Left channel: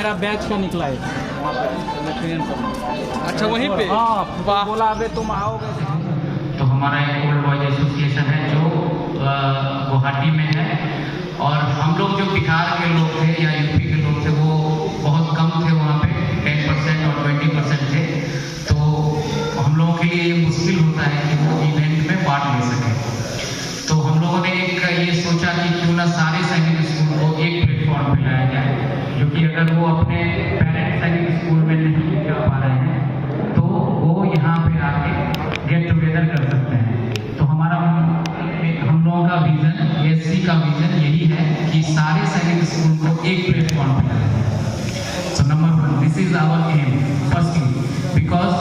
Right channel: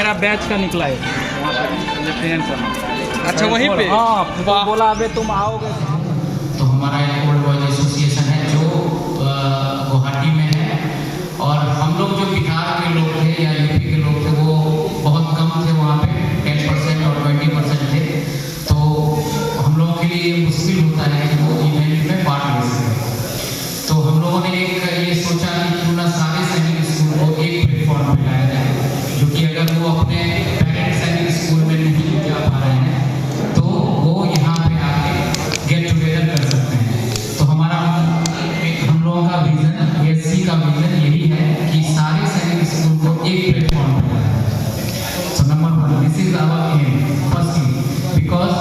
मेरा बैच का निकला है वहाँ पे। अच्छा वहीं पे? हाँ, बोला अबे तुम आओगे। तो हमारा एक ओल्ड बॉयज एसोसिएशन है जो गुवाहाटी में है, और हम लोग जो बिहार के लोग थे या यूपी के लोग थे वो बहुत कम थे वहाँ पे, 10% और 20% थे। तो हम लोगों के लिए मुश्किल होता है कि वो इवेंट में पार्ट ले सकें। तो हम लोगों ने एक ये सोचा कि क्यों ना सारे सैनिक स्कूल को एक प्लेटफॉर्म पे लाया जाए, जो कि अगर वो अपने पेरेंट सैनिक स्कूल में नहीं जा पा रहे हैं तो वो यहाँ पे आके गेट टुगेदर कर सकते हैं। तो हमारा हम लोगों का विजन, एससी का विजन यही है कि सारे सैनिक स्कूल को एक प्लेटफॉर्म पे लाया जाए। So number 1, this is our M firstly, because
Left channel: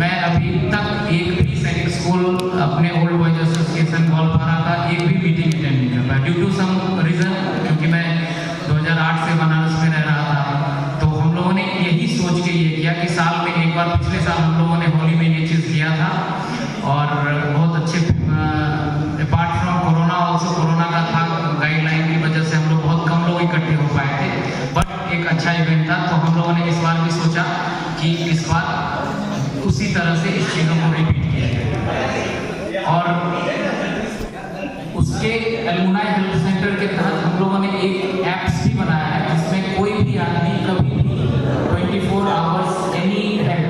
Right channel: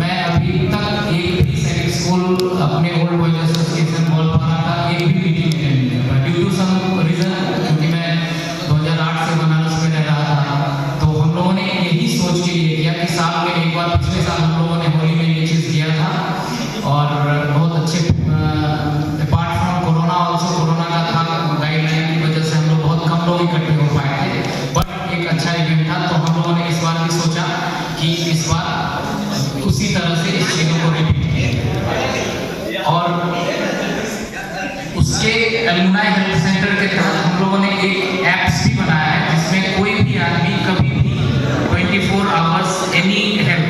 मैं अभी तक एक भी सैनिक स्कूल अपने ओल्ड बॉयज एसोसिएशन गोलपारा का एक भी मीटिंग अटेंड नहीं कर पाया ड्यू टू सम रीजन, क्योंकि मैं 2008 से बनारस में रह रहा था। तो हम लोगों ने यही सोच के ये किया कि साल में एक बार, पिछले साल हम लोगों ने होली में ये चीज़ किया था और बहुत अच्छे, apart from corona also, corona का था गाइडलाइन की वजह से हम लोग बहुत कम लोग इकट्ठे हो पाए थे, बट एक अच्छा इवेंट था। तो हम लोगों ने इस बार भी सोचा कि इस बार उसी तरह से इस चीज़ों को रिपीट किया जाए, और उसके एलुमनाई हेल्प सेंटर के तहत हम लोगों ने एक ऐप्स भी बनाया है जिसमें कोई भी आदमी कभी भी 24 आवर्स एनी हेल्प,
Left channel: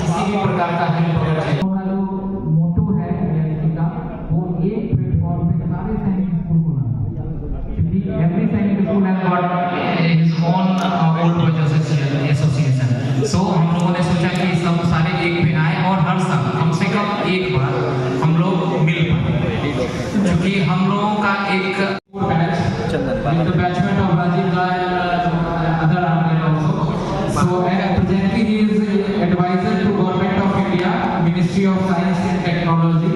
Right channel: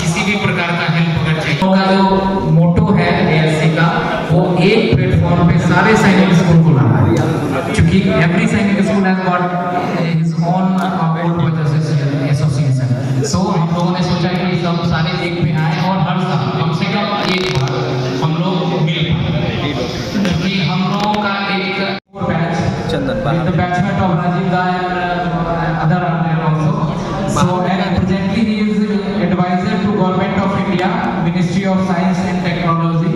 किसी भी प्रकार का हेल्प अगर चाहिए। उनका जो मोटो है एएससी का, वो एक प्लेटफॉर्म पे सारे सैनिक स्कूल को लाना है, क्योंकि every Sainik school has got his own old boys association. So हम लोगों ने सोचा कि सब सारे एक पे आए और हर साल कम से कम एक बार हम लोग मिल पाए, क्योंकि हम लोगों का एक batch with the batchmate of Rajiv Rai and other armed also. So and presently he is advisor to Government of India, Ministry of Science and Technology,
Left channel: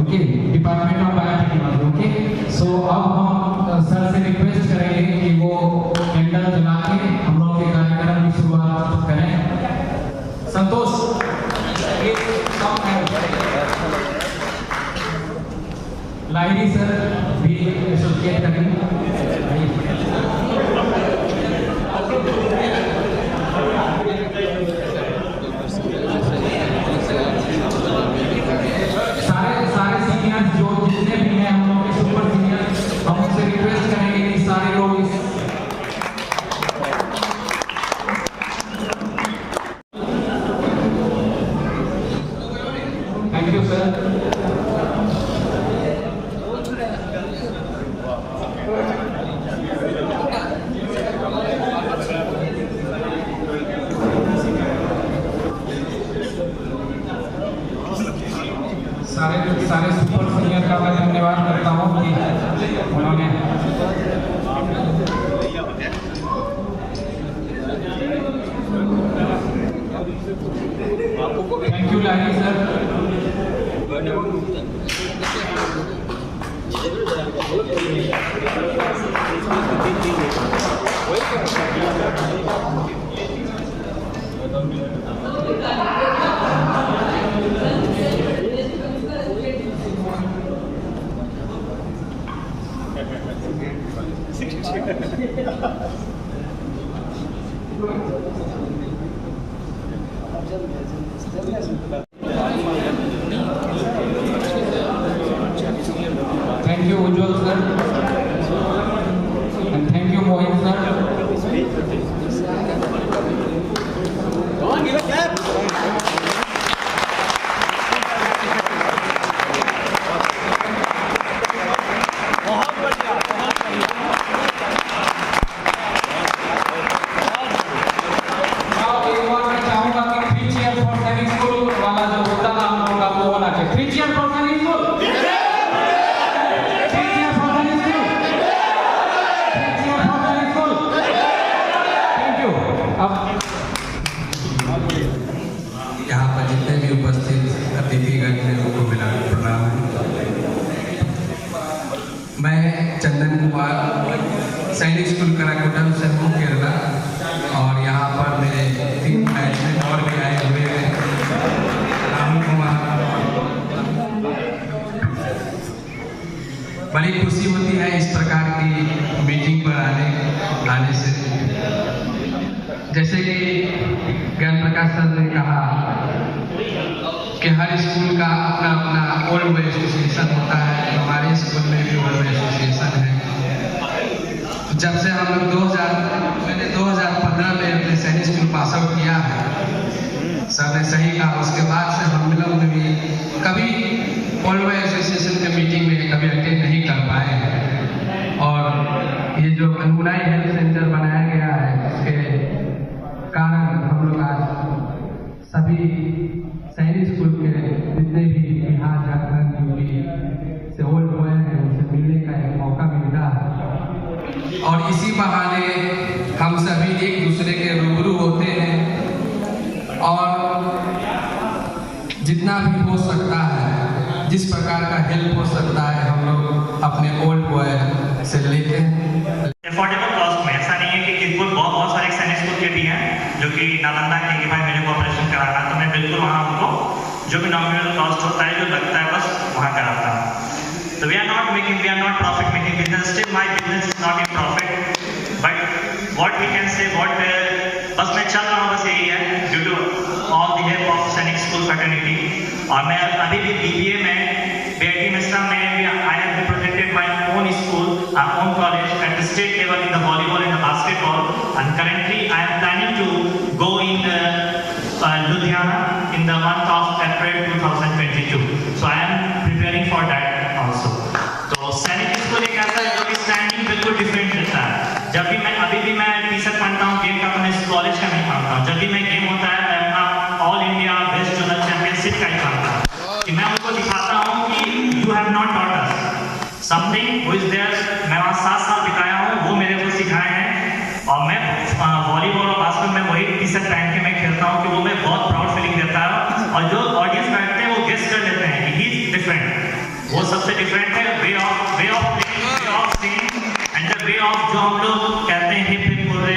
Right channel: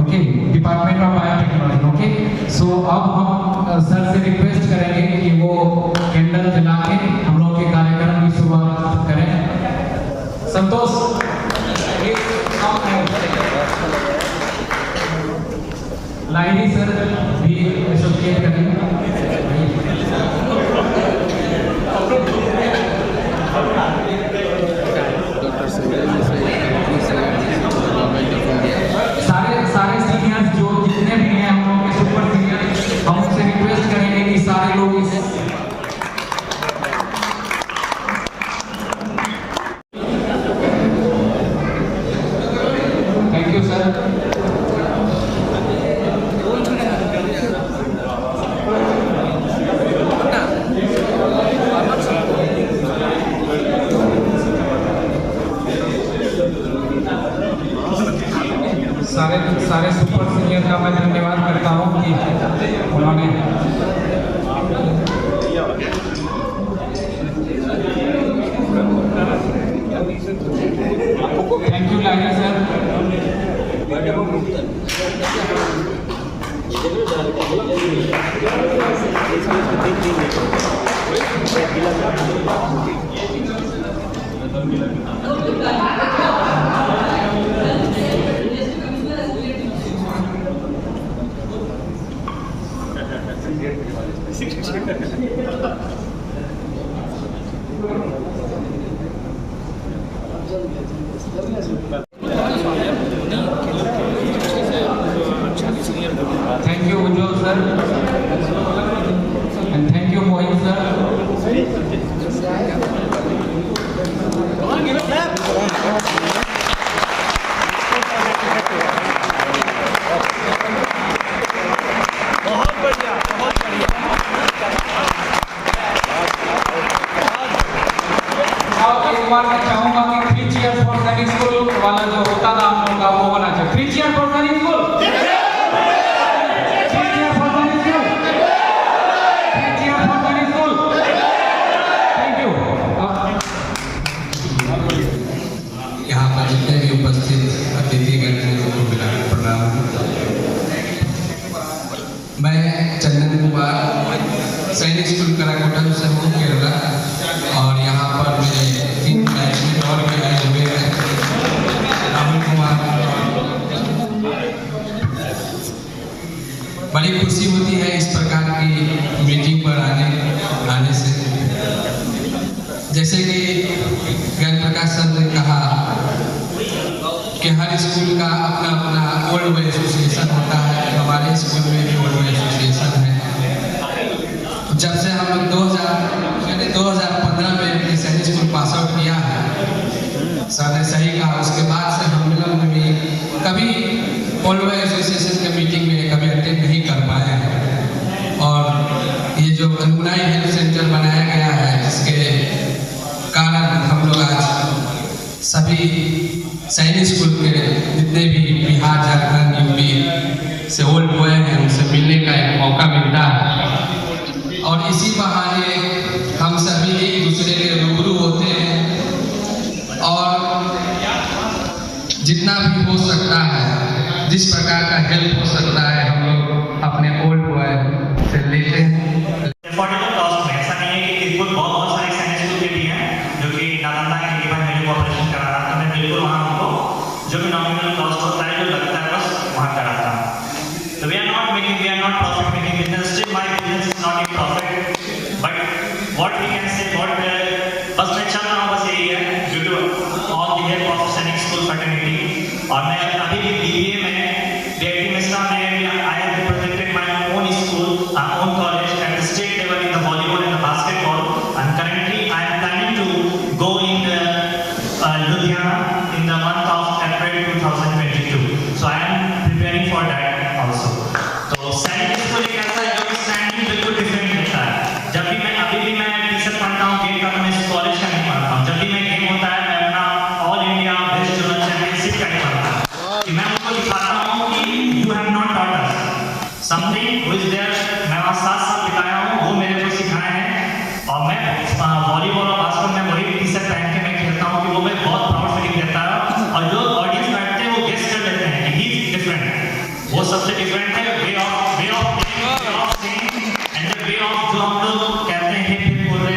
okay, Department of Biotechnology, okay. So अब हम sir से request करेंगे कि वो candle जला के हम लोग के कार्यक्रम की शुरुआत करें। संतोष लाइनी सर भी एसोसिएट करेंगे। सारे सीनियर्स जो जितने भी हैं हम लोग के सुपर सीनियर, हम उनसे रिक्वेस्ट करेंगे कि सारे लोग इस थैंक यू सर। सारे सुपर सीनियर का मैं धन्यवाद करता हूँ कि उन्होंने thank you Laini sir. Thank you Ujjwal sir and thank you Mohit sir. बहुत बढ़िया, बहुत बढ़िया। एक बार मैं चाहूंगा कि 3 चीयर फॉर सैनिक स्कूल वाला जो होता था हम लोग का वो बना चाहिए। 3 चीयर फॉर सैनिक स्कूल, 3 चीयर फॉर सैनिक स्कूल, 3 चीयर फॉर सैनिक स्कूल। Thank you. अब यहाँ पर जितने भी उपस्थित अतिथिगण हैं उनको मेरा प्रणाम। मैं चंदन कुमार सैनिक स्कूल कराकोटम से हूँ केरला, और यहाँ पर मेरे 3 बैचमेट और भी आए हुए हैं। राहुल कुमार, बड़ी खुशी होती है इस प्रकार की मीटिंग पर आने जैसे कि ज्ञान प्रकाश सर ने कहा कि हर स्कूल का अपना अपना ओल्ड बॉय एसोसिएशन होता है, हमारे स्कूल में भी ओल्ड बॉय एसोसिएशन है। जब से मैंने 2015 में अपने सैनिक स्कूल पास आउट किया है, सर ने सही कहा, उसके बाद से हम लोग भी कभी ओल्ड बॉय एसोसिएशन के मीटिंग में कभी अटेंड नहीं कर पाए हैं। और ये जो अनुनाई हेल्थ सेंटर बनाया गया है, जिसके कारण हम लोग आज सभी सैनिक स्कूल के जितने भी बिहार, झारखंड, यूपी से ओल्ड बॉय हैं उनसे मिलने का एक मौका मिलता है। और इसी बहाने हम सभी एक दूसरे के रूबरू होते हैं और जितना भी हो सकता है, जिस प्रकार का हेल्प हो सकता है, हम लोग अपने ओल्ड बॉय से लेते हैं। अफोर्डेबल कॉस्ट में, ऐसा नहीं है कि स्कूल बहुत सारे सैनिक स्कूल के भी हैं जो कि नालंदा के लिए मेरे को ऑपरेशन करा रहा है, तो मैं बिल्कुल वहाँ उनको जो भी नॉमिनल कॉस्ट होता है, जो लगता है, बस वहाँ कराता हूँ। तो we are not profit making business, still my business is not in profit, but what we can say बस मैं चल रहा हूँ, बस यही है due to all the help of Sainik school fraternity. और मैं अभी भी BBA में BIT मिश्रा में I have represented my own school, own college at the state level in the volleyball and basketball, and currently I am planning to go in Ludhiana in the month of April 2022. So I am preparing for that also. तो सैनिक school एक ऐसा है जो कि standing बिल्कुल different रहता है। जब भी मैं अभी भी मैं टी-शर्ट पहनता हूँ गेम का, मैं कॉलेज का नहीं पहनता हूँ। जब भी मैं गेम होता है, मैं अपना all India best zonal championship का ही पहनता हूँ कि मैं उनको दिखाता हूँ कि you have not taught us something who is there. मैं वहाँ 7 साल बिताया हूँ, वो मेरे को सिखाए हैं। और मैं वॉलीबॉल और बास्केटबॉल में वही टी-शर्ट पहन के मैं खेलता हूँ कि वो मैं बहुत प्राउड फीलिंग देता है। और जो ऑडियंस बैठते हैं वो गेस कर लेते हैं कि ही इज डिफरेंट। वो सबसे डिफरेंट है way of playing, way of saying and the way of जो हम लोग कहते हैं, फिर बोल रहे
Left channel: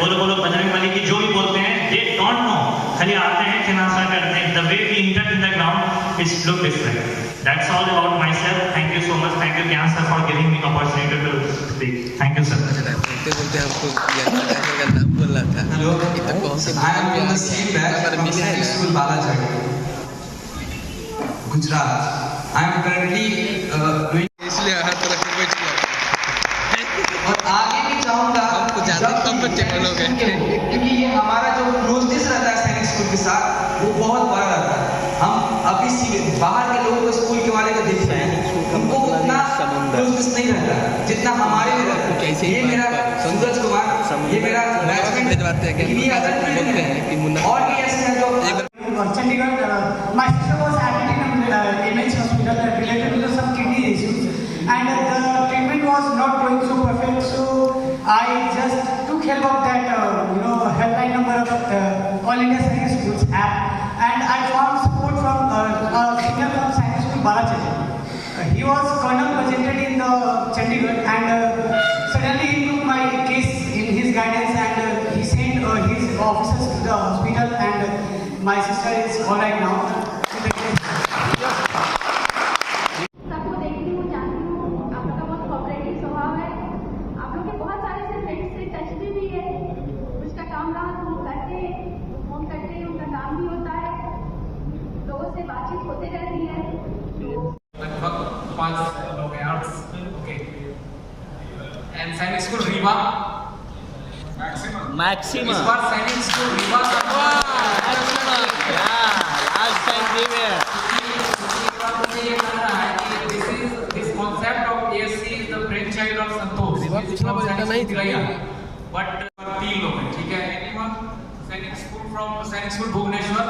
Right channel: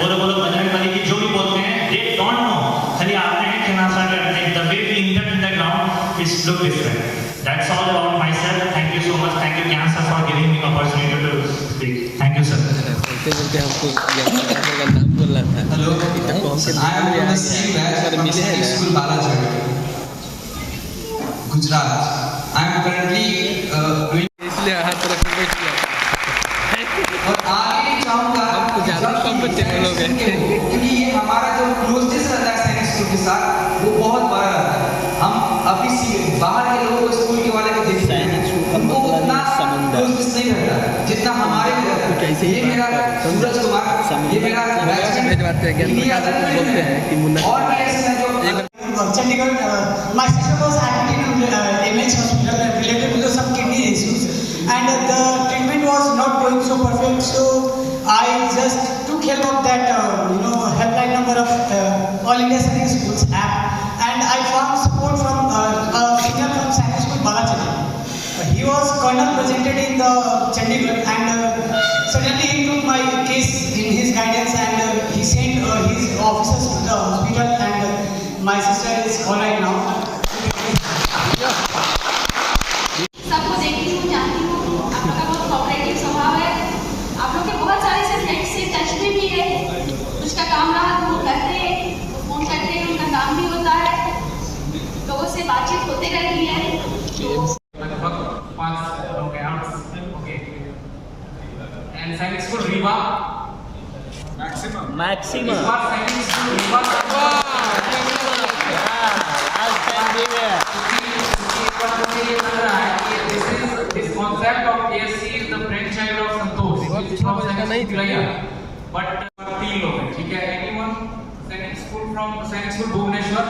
बोलो बजरंग बली की जो भी बोलते हैं, दे डोंट नो, खाली आते हैं खेलना शुरू करते हैं। The way we enter in the ground is look different. That's all about myself. Thank you so much. Thank you Gyan sir for giving me opportunity to speak. Thank you sir. बोलते हमको नाम बोल रहा था। Hello, कौन से I am in the same batch from Sainik school Balaji, Gujarat. I am currently doing, इसलिए हर तरफ से कोई किया और आगे भी चाहूँगा आपको ज़्यादा कम बच्चे के लोग हैं, क्योंकि ये हमारा जो क्लोजनेस रहता है सैनिक स्कूल के साथ, वो बहुत बड़ा रहता है। हम अभी बाहर के लोगों को, स्कूल के वाले को देखते हैं, उनको उतना क्लोजनेस नहीं रहता जितना हमारे में रहता है। ये मेरा सूरज कुमार, ये मेरा बैचमेट, ये अदर फ्रेंड है और भी ऐसे हैं जो Chandigarh, my sister was admitted in MH hospital related to some kidney issues, and the treatment was not going so perfect. So I just took help of that, helpline number of All India Sainik Schools app, and I found support from a senior from Sainik School Balachari. He was colonel presented in the Chandigarh, and suddenly he took my case in his guidance, and he sent his officers to the hospital, and my sister is all right now. सबको देखती हूँ, जानती हूँ, आप लोग का बहुत cooperative स्वभाव है। आप लोग के बहुत सारे से फ्रेंड्स से टच में भी है। कुछ का काम रहा तो वो करते हैं, वो फोन करते हैं, उनका काम भी होता है, लोगों से बातचीत होते रहती है। लगभग 5 लोग हैं। ओके, एंड सैनिक स्कूल रीवा मैक्सिमम इस बार सैनिक स्कूल रीवा ये लग रहा है कि this concept of ASC is the brainchild of Santosh, which is from Sainik School, but 3 लोग हैं, ठीक है? Anyone सैनिक स्कूल from सैनिक स्कूल भुवनेश्वर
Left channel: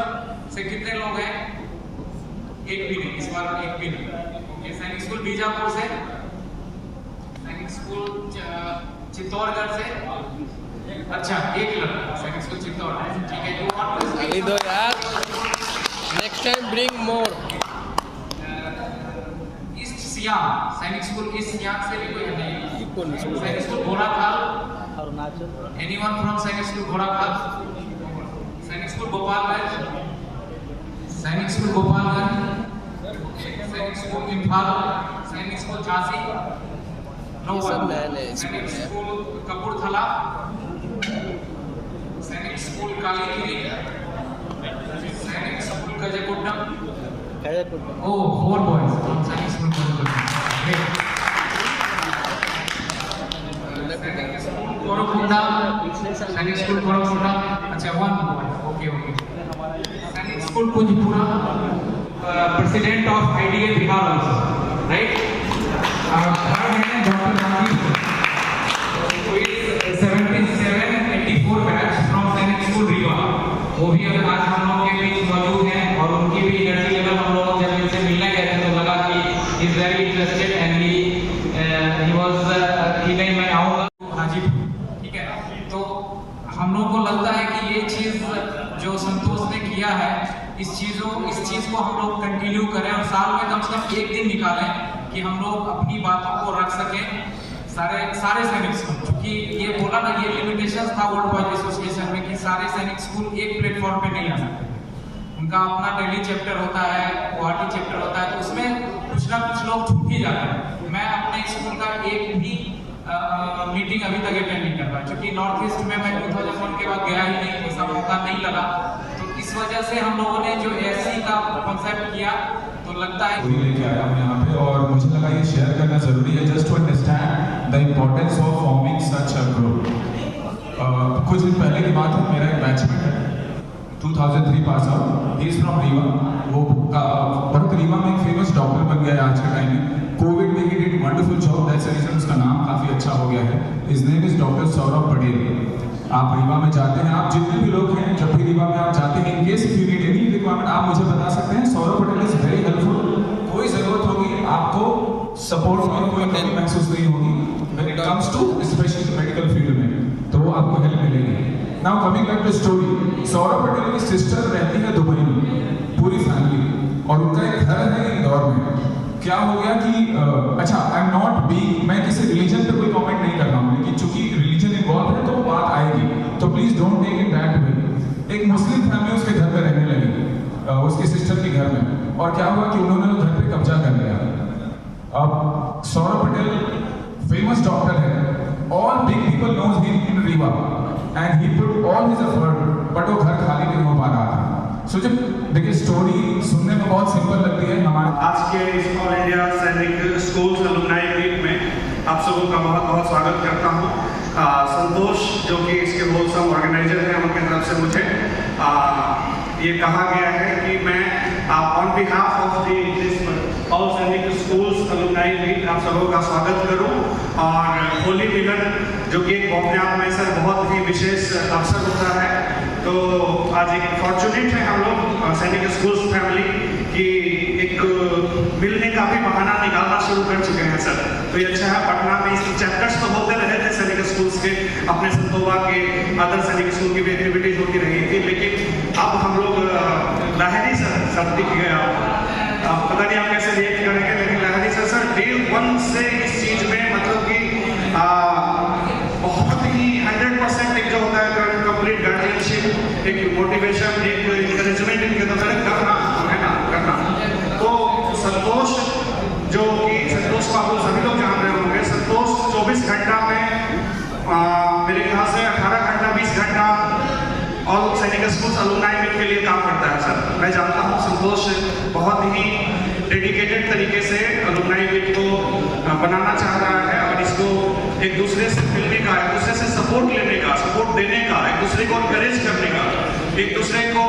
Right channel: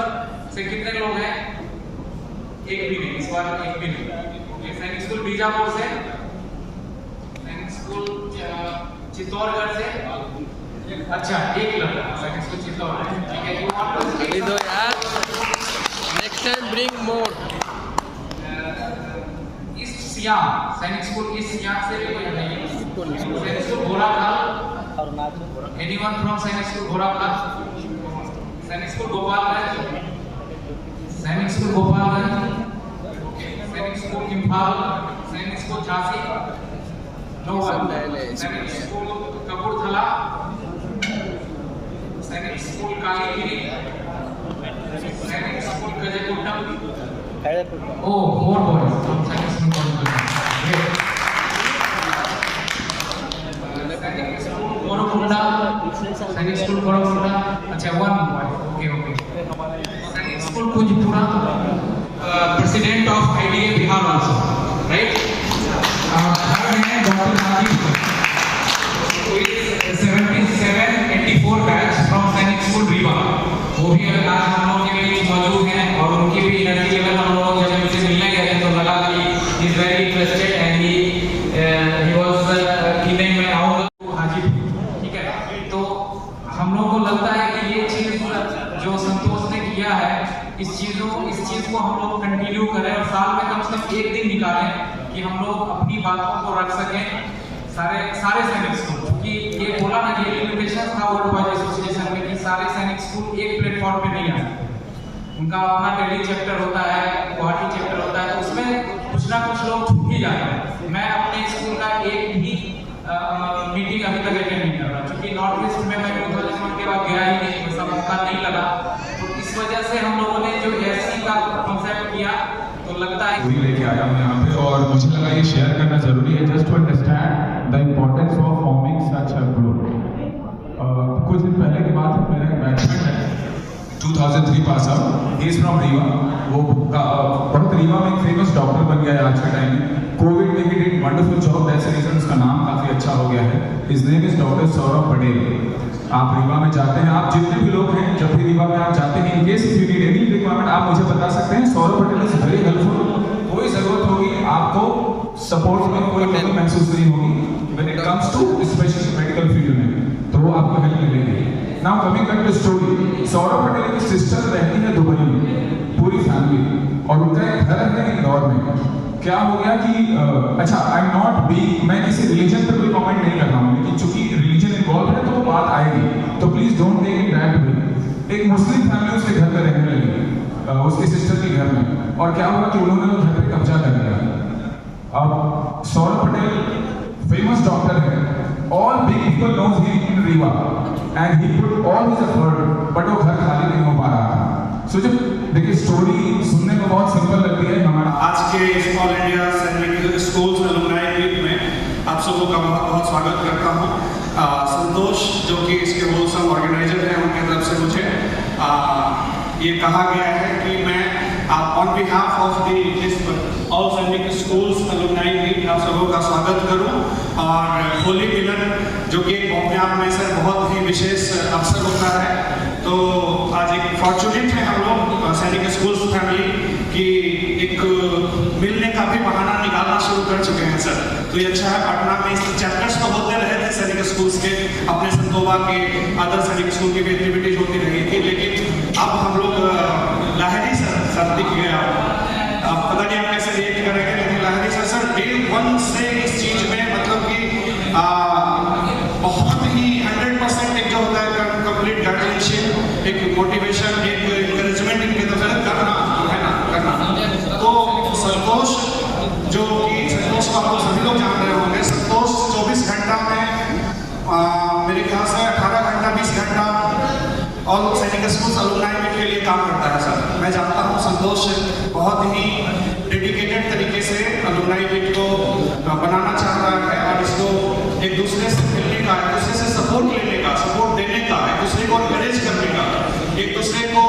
से कितने लोग हैं? एक भी नहीं, इस बार एक भी नहीं। ओके, सैनिक स्कूल बीजापुर से, सैनिक स्कूल चित्तौड़गढ़ से, अच्छा एक लड़का सैनिक स्कूल चित्तौड़गढ़, ठीक है? You want to speak? इधर यार, next time bring more. East SIAM सैनिक स्कूल ईस्ट सियाम से भी कोई नहीं। सैनिक school Ghorakhal, anyone from Sainik school Ghorakhal? सैनिक स्कूल गोपालगंज, सैनिक स्कूल गोपालगंज, सैनिक स्कूल इम्फाल, सैनिक स्कूल झांसी, नो वन। सैनिक स्कूल कपूरथला, सैनिक स्कूल कालीगिरी, सैनिक school कजेकोटा। Oh, 4 boys from Sainik School Korakota. Great. Sainik School Korakota. Sainik School Korakota. अच्छा, 1 boy. Okay. Sainik School Kunjpura. President of IDA Bihar also, right? Third है Dr. Rajiv, who is 7784 batch from Sainik School Riva. वो भी आज हम लोग के बीच मौजूद हैं और उनकी भी एनर्जी लेवल हम लोग जब उनसे मिलने गए थे तो लगा कि he is very interested and he was keen मैं आऊँगा हाजीपुर, ठीक है। तो हम लोग को लगता है कि ये चीज़ जो संतोष ने किया है, इस चीज़ को हम लोग कंटिन्यू करें और साल में कम से कम एक दिन निकालें कि हम लोग अपनी बातों को रख सकें सारे सैनिक स्कूल, क्योंकि ये बोला ना, ये लिमिटेशन था वर्ल्ड बॉयज एसोसिएशन में कि सारे सैनिक स्कूल एक प्लेटफॉर्म पे नहीं आ सकते। उनका अपना दिल्ली चैप्टर होता है, गुवाहाटी चैप्टर होता है, तो उसमें कुछ ना कुछ लोग छूट ही जाते हैं। मैं अपने स्कूल का एक भी मीटिंग अभी तक अटेंड नहीं कर रहा, क्योंकि नॉर्थ ईस्ट में मैं 2000 के बाद गया ही नहीं, ऐसा मौका नहीं लगा। तो इस वजह से हम लोगों ने जो एससी का कॉन्सेप्ट किया, तो लगता है वही लेके आया हूँ यहाँ पे, और मुझे लगा ये शेयर करना जरूरी है, just to understand the importance of forming such a group. कुछ दिन पहले की बात है, मेरा एक बैचमेट है 2003 pass out, he is from Rewa. वो बहुत रीवा में एक फेमस डॉक्टर बन गया है आज के टाइम में। कोविड में ही did wonderful job, that's the reason उसका नाम काफी अच्छा हो गया है। His name is doctor Saurabh Patel. आप रीवा में जाते हैं, आप जितने भी लोग हैं, जब भी रीवा में आप जाते हैं, in case if you need any requirement आप मुझे बता सकते हैं। Saurabh Patel is very helpful. कोई जरूरत होगी आपको सपोर्ट में, कोई कमी महसूस नहीं होगी when it comes to specially medical field में, तो वो आपको हेल्प मिलेगी। Now coming back to story, Saurabh Patel की सिस्टर रहती है दुबई में, पूरी फैमिली, और उनका एक घर है इंदौर में। क्या हो गया कि अच्छा, आई एम नॉट बी, मैं किसी रिलीजन पर कोई कमेंट नहीं कर रहा हूँ, लेकिन चूंकि रिलीजन इन्वॉल्व है तो बात आएगी, तो please don't take it that way. एक मुस्लिम फैमिली उसके घर में रहने लगी, उसके सिस्टर के घर में, और क्या हुआ कि उन्होंने घर पे कब्जा कर लिया। अब सौरभ पटेल फेमस डॉक्टर है, all big people knows him in Rewa and he put all his effort, but वो घर खाली नहीं हो पा रहा था। सो जब देखिए, स्टोरी सुनने में बहुत सिंपल लगती है। हमारा आज के इस ऑल इंडिया सैनिक स्कूल्स अलुमनाई मीट में आप सबों का बहुत बहुत स्वागत करता हूँ। संतोष जो कि इसके होलसम ऑर्गेनाइजर हैं, उनकी तरफ से मुझे ये कहा गया है कि मैं on behalf of this all सैनिक स्कूल्स अलुमनाई मीट आप सबों का स्वागत करूँ। और होली मिलन जो कि अपने आप में सर बहुत ही विशेष अवसर होता है, तो आज एक फॉर्चुनेट है हम लोग सैनिक स्कूल्स फैमिली कि एक मिलने का भी बहाना निकालना शुरू कर चुके हैं सर। तो ये अच्छा है, पटना में इस चैप्टर्स तो होते रहे थे सैनिक स्कूल्स के, अपने संतोबा के अदर सैनिक स्कूल की भी एक्टिविटीज होती रही थी, लेकिन अब हम लोग लहरी सर दिख गया, पता नहीं आप कैसे रिएक्ट करेंगे, लेकिन लहरी सर डे 1 से इस चीज में मतलब कि बहुत ही 100% एक जो होता है कंप्लीट गार्जियनशिप, एक मोटिवेशन, एक इंकरेजमेंट इनके तरफ करना है ना, करना। तो संतोष जो कि संतोष को आप सभी लोग जान रहे होंगे, संतोष 24 घंटा में मेरे ख्याल से 18 घंटा 20 घंटा और सैनिक स्कूल अलुमनाई मीट के लिए काम करता है सर। मैं जानता हूँ संतोष बहुत ही डेडिकेटेड तरीके से अलुमनाई मीट को बनाना चाह रहा है, और इसको एक दूसरे से मिलने का, एक दूसरे से सपोर्ट लेने का, सपोर्ट देने का, एक दूसरे को एनकरेज करने का, एक दूसरे को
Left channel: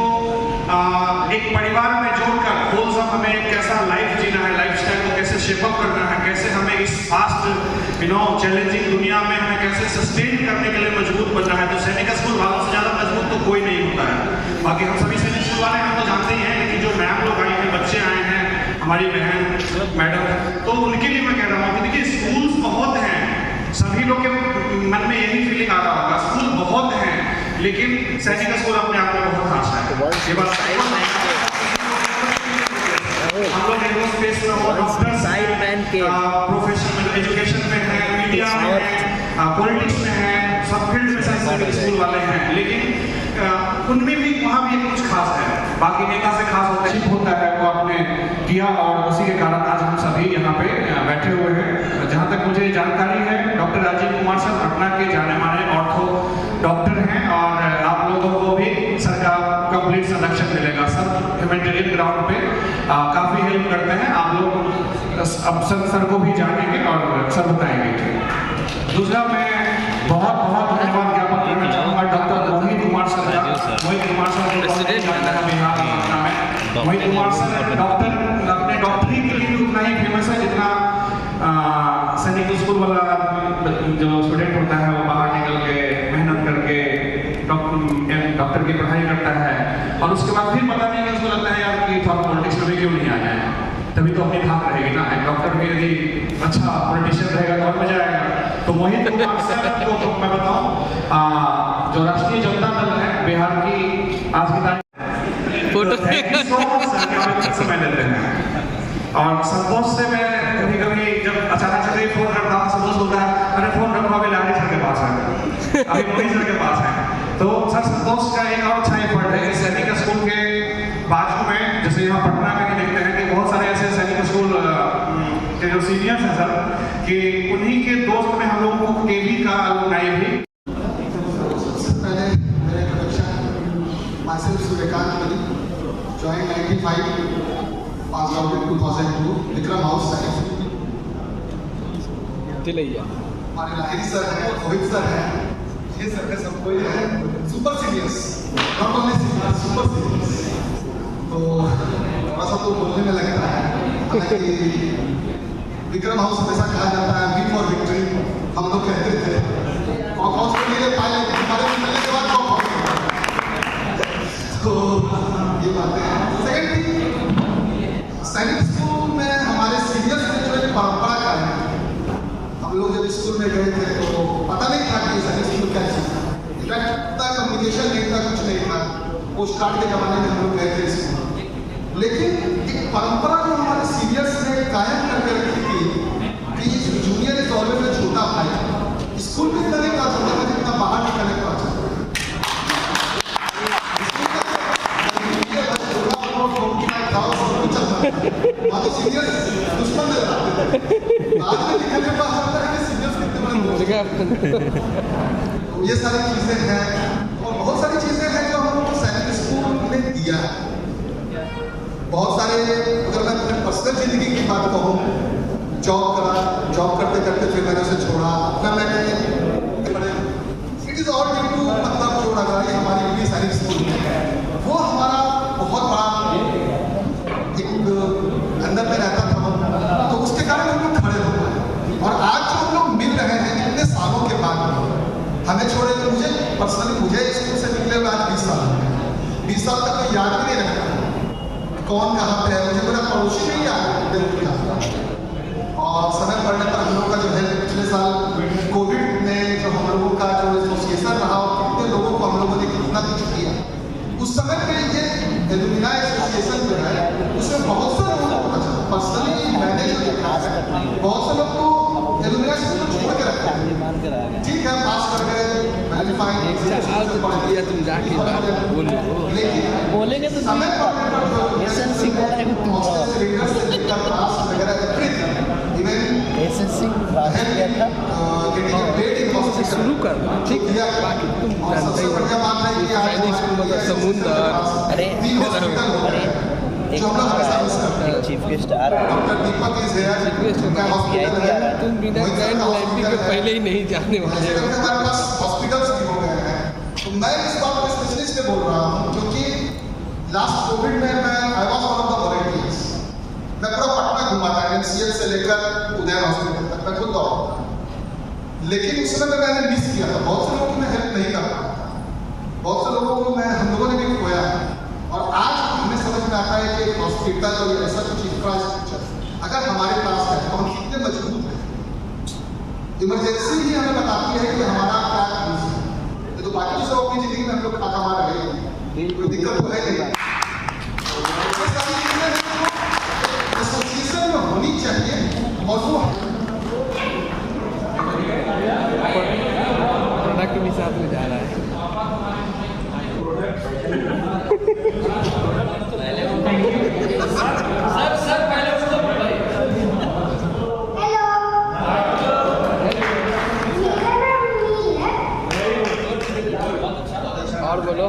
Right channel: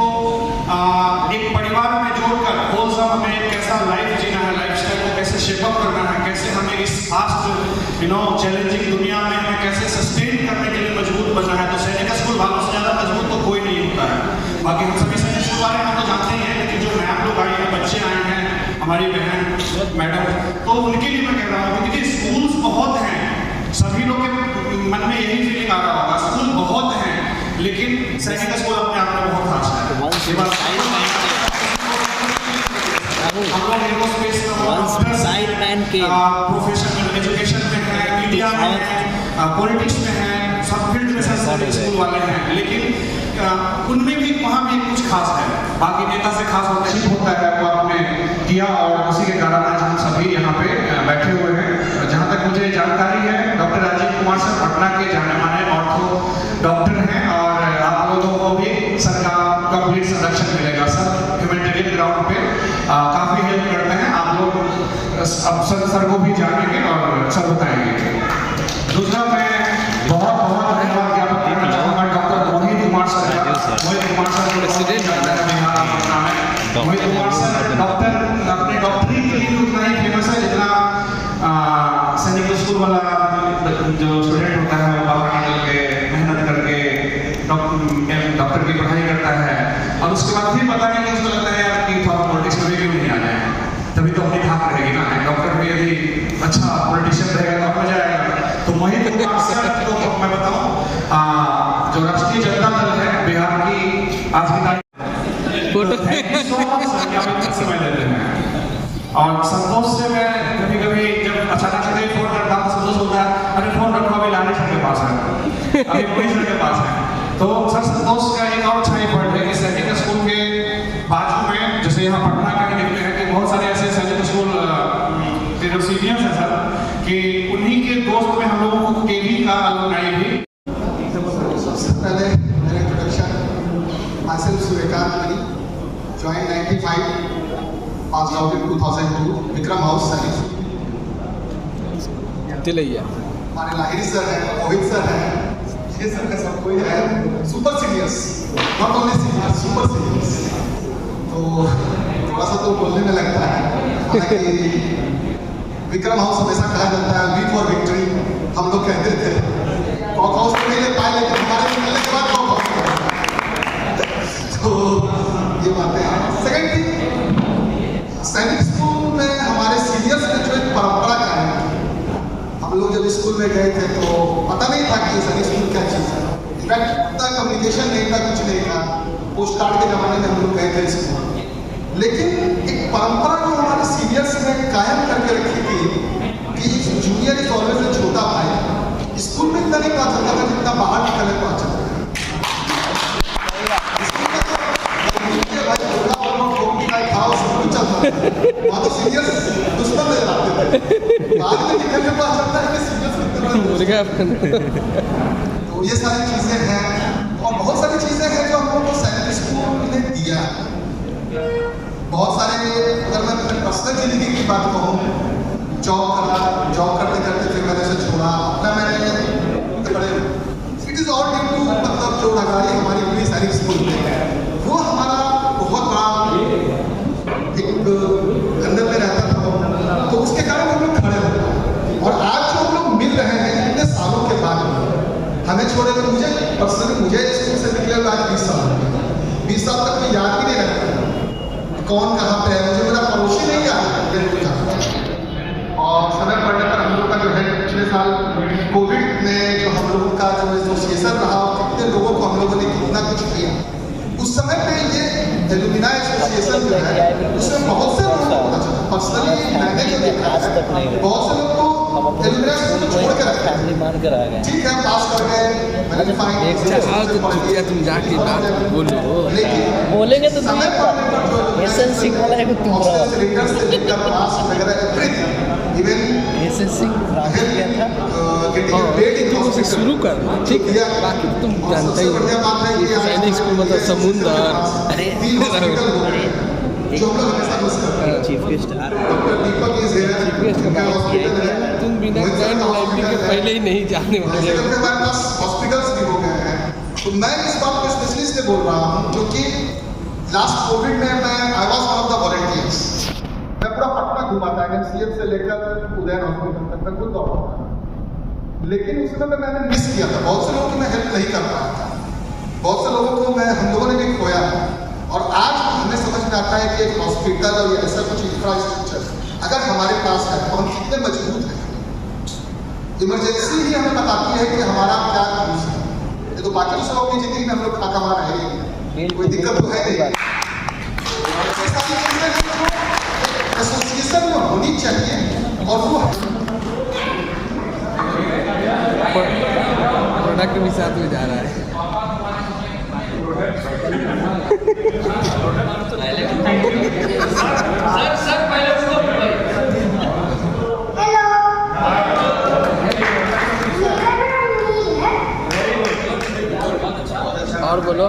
एक परिवार में जोड़कर होलसम हमें कैसा लाइफ जीना है, लाइफस्टाइल को कैसे शेपअप करना है, कैसे हमें इस फास्ट चैलेंजिंग दुनिया में हमें कैसे सस्टेन करने के लिए मजबूत बनना है। तो सैनिक स्कूल वालों से ज़्यादा मजबूत तो कोई नहीं होता है। बाकी हम सभी सैनिक स्कूल वाले हम तो जानते ही हैं, लेकिन जो नया लोग आए हैं, बच्चे आए हैं, हमारी बहन मैडम, तो उनके लिए मैं कह रहा हूँ कि देखिए स्कूल्स बहुत हैं, सभी लोग के मन में यही फीलिंग आ रहा होगा, स्कूल बहुत हैं, लेकिन सैनिक स्कूल अपने आप में बहुत खास है। हम लोग एरोस्पेस प्रोफेशनल एजुकेशन में है, मीडिया में है, पॉलिटिक्स में है, सब फील्ड में सैनिक स्कूल वाले हैं, लेकिन उनमें भी वहाँ भी कुछ खास है। बाकी नेता से खास होता है वो आपने किया, और उसी के कारण आज हम सभी यहाँ पे बैठे हुए हैं। जहाँ तक मुझे जानकारी है, डॉक्टर राजीव कुमार सर पटना के जाने माने ऑर्थो डॉक्टर हैं, और आप लोग सर को भी जानेंगे और सर बताएंगे। दूसरा मैं बहुत बहुत धन्यवाद ज्ञापन करना चाहूँगा डॉक्टर मोहित कुमार सर का। मोहित कुमार सर को जानता है बिहार में। मोहित कुमार सर डॉक्टर अपने डॉक्टरी के लिए उतना ही फेमस है जितना सैनिक स्कूल वाला जो स्टूडेंट होता है वो बाहर निकल के मेहनत करके डॉक्टर की पढ़ाई करता है और उसके बाद फिर पता नहीं उसको लगता है यार कि थोड़ा पॉलिटिक्स में क्यों नहीं आ जाए, तभी तो अपनी धाक रहेगी ना। डॉक्टर में यदि अच्छा पॉलिटिशियन रहेगा तो मजा आएगा। तो मोहित कुमार सर को मैं बताऊं जो राष्ट्रीय जनता दल है बिहार की आज की तारीख समय लेते हैं। और संतोष से मैं कभी कभी जब अचानक से फोन करता हूँ संतोष बोलता है मैंने फोन रखा अभी लाली सर के पास है, अभी महेश सर के पास है। तो सर संतोष का एक और अच्छा एफर्ट है कि सैनिक स्कूल के बाजू में जैसे यहाँ पटना का ही देखते हैं कि बहुत सारे ऐसे सैनिक स्कूल के जो सीनियर्स हैं सर कि उन्हीं के दोस्त में हम लोगों को केवी का अलुमनाई भी। सबसे पहले मेरे introduction myself Suryakant Giri, join 95, pass out in 2002, Vikram house सैनिक स्कूल। हमारे लाहिरी सर हैं, मोहित सर हैं, ये सर है, सब कोई है super seniors, not only seniors, super seniors. तो थोड़ा सा तो बोलने में लगता है, हालांकि विक्रम हाउस हमेशा कहा जाता है वी फॉर विक्ट्री, हम लोग कहते थे कॉक हाउस में नहीं ले पाए लेकिन हमारे निकलने के बाद कॉक हाउस। तो ये बातें हैं। सेकेंड थिंग, सैनिक स्कूल में हमारे सीनियर्स ने जो एक परंपरा कायम की। हम लोग जब स्कूल में गए थे तो पता नहीं था कि सैनिक स्कूल क्या चीज़ है। इनफैक्ट इतना कम्युनिकेशन नहीं था, कुछ नहीं था। पोस्ट कार्ड के ज़माने में हम लोग गए थे स्कूल, लेकिन एक परंपरा जो हमारे सीनियर्स ने कायम करके रखी थी कि जूनियर इज ऑलवेज अ छोटा भाई। स्कूल में इतना नहीं कहा जाता था जितना बाहर निकलने को अच्छा था। वहाँ तो सीनियर्स दुश्मन नजर आते थे, आज में निकलने को अच्छा लगता है कि सीनियर्स कितने। तो ये सारी चीज़ें हैं और बहुत सारी चीज़ें हैं जो हम लोग को सैनिक स्कूल ने दिया है। बहुत सारे, अगर मैं अपने पर्सनल जिंदगी की बात कहूँ, जॉब करते करते फिर मैंने उसे छोड़ा, अपना मैंने बड़े it is all due to मतलब जो लगाई हमारी पूरी सैनिक स्कूल वो हमारा बहुत बड़ा एक अंदर में रहता था, तो उसके कारण हम लोग खड़े हो गए। और आज जो हम लोग मिल रहे हैं इतने सालों के बाद, हमें छोड़े तो मुझे पर्सनली मुझे स्कूल से निकले हुए आज 20 साल तक कोई याद भी नहीं रखता कौन कहाँ पे है। मुझे मेरा पड़ोसी नहीं याद, और समय पड़ने पर हम लोग का जो है पिछले साल कोविड ने जो हम लोगों का जो एसोसिएशन रहा, कितने लोगों को हम लोगों ने कितना कुछ किया उस समय पे। ये एलुमिना एसोसिएशन जो है उसमें बहुत से लोगों को पर्सनली मैंने जो देखा है, बहुत से लोग को एलुमिना एसोसिएशन छोड़ के रखा है। ठीक है, पास कर गए, तुम जाके बात बोलो, बोलेंगे तो समय पर एसएससी वाला है तुम पास वगैरह इवन एसएससी किया था शुरू कर, ठीक है। तुम जानते हो ये सैनिक स्कूल का समुद्र, अरे जो हम लोग हमेशा मिस करते हैं। चीफ गेस्ट आ रहे हैं, doctor Deepak is here, chief guest का हॉस्पिटल है, तुम बिना ग्रैंड लाइब्रेरी के पहले ही नहीं जाने वाले हो। हमारे पास हॉस्पिटल्स भी हो गए हैं। तो मैं इस बात को स्पेशली इसलिए बोल रहा हूँ क्योंकि लास्ट कोविड में मैं I was one of the volunteers. मैं पूरा पटना घुमा था, एमसीएच से लेकर उदयन हॉस्पिटल तक मैं खुद दौड़ा, लेकिन उस समय मैंने मिस किया था। बहुत से लोगों की मैं हेल्प नहीं कर पाया था, बहुत से लोगों को हम लोगों ने भी खोया। और आज हमें समझ में आता है कि एक हॉस्पिटल और ऐसा कुछ इंफ्रास्ट्रक्चर अगर हमारे पास है तो हम कितने मजबूत हैं। इमरजेंसी ही हमें बताती है कि हमारा क्या यूज है। ये तो बाकी दूसरों अपनी जिंदगी में हम लोग खा कमा रहे हैं, कोई दिक्कत तो है नहीं। ऐसी सारी चीजें एसोसिएशन में होनी चाहिए और वो प्रोडक्ट भी साथ में जा रहा है। और बोलो।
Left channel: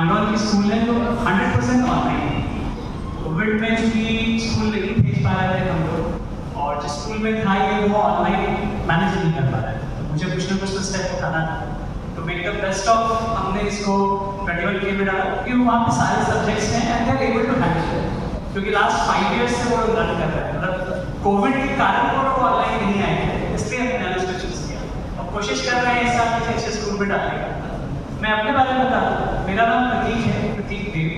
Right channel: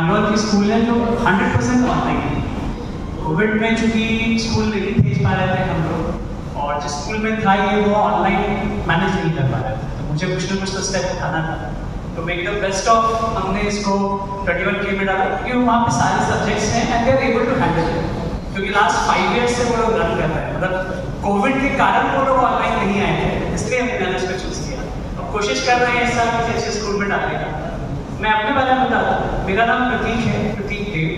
बैंगलोर की स्कूल है जो 100% ऑनलाइन है। कोविड में चूंकि स्कूल नहीं भेज पा रहे थे हम लोग, और जिस स्कूल में था ये वो ऑनलाइन मैनेज नहीं कर पा रहे थे, तो मुझे कुछ ना कुछ तो स्टेप उठाना था। तो मेक द बेस्ट ऑफ हमने इसको 21K में डाला, क्योंकि वहाँ पे सारे सब्जेक्ट्स हैं and they are able to handle it, क्योंकि लास्ट 5 ईयर्स से वो रन कर रहे हैं। मतलब कोविड के कारण वो लोग ऑनलाइन नहीं आए थे, इसलिए हमने उसको चूज किया। अब कोशिश कर रहे हैं इस साल किसी अच्छे स्कूल में डालने का। मैं अपने बारे में बताऊँ, मेरा नाम प्रतीक है, प्रतीक देव।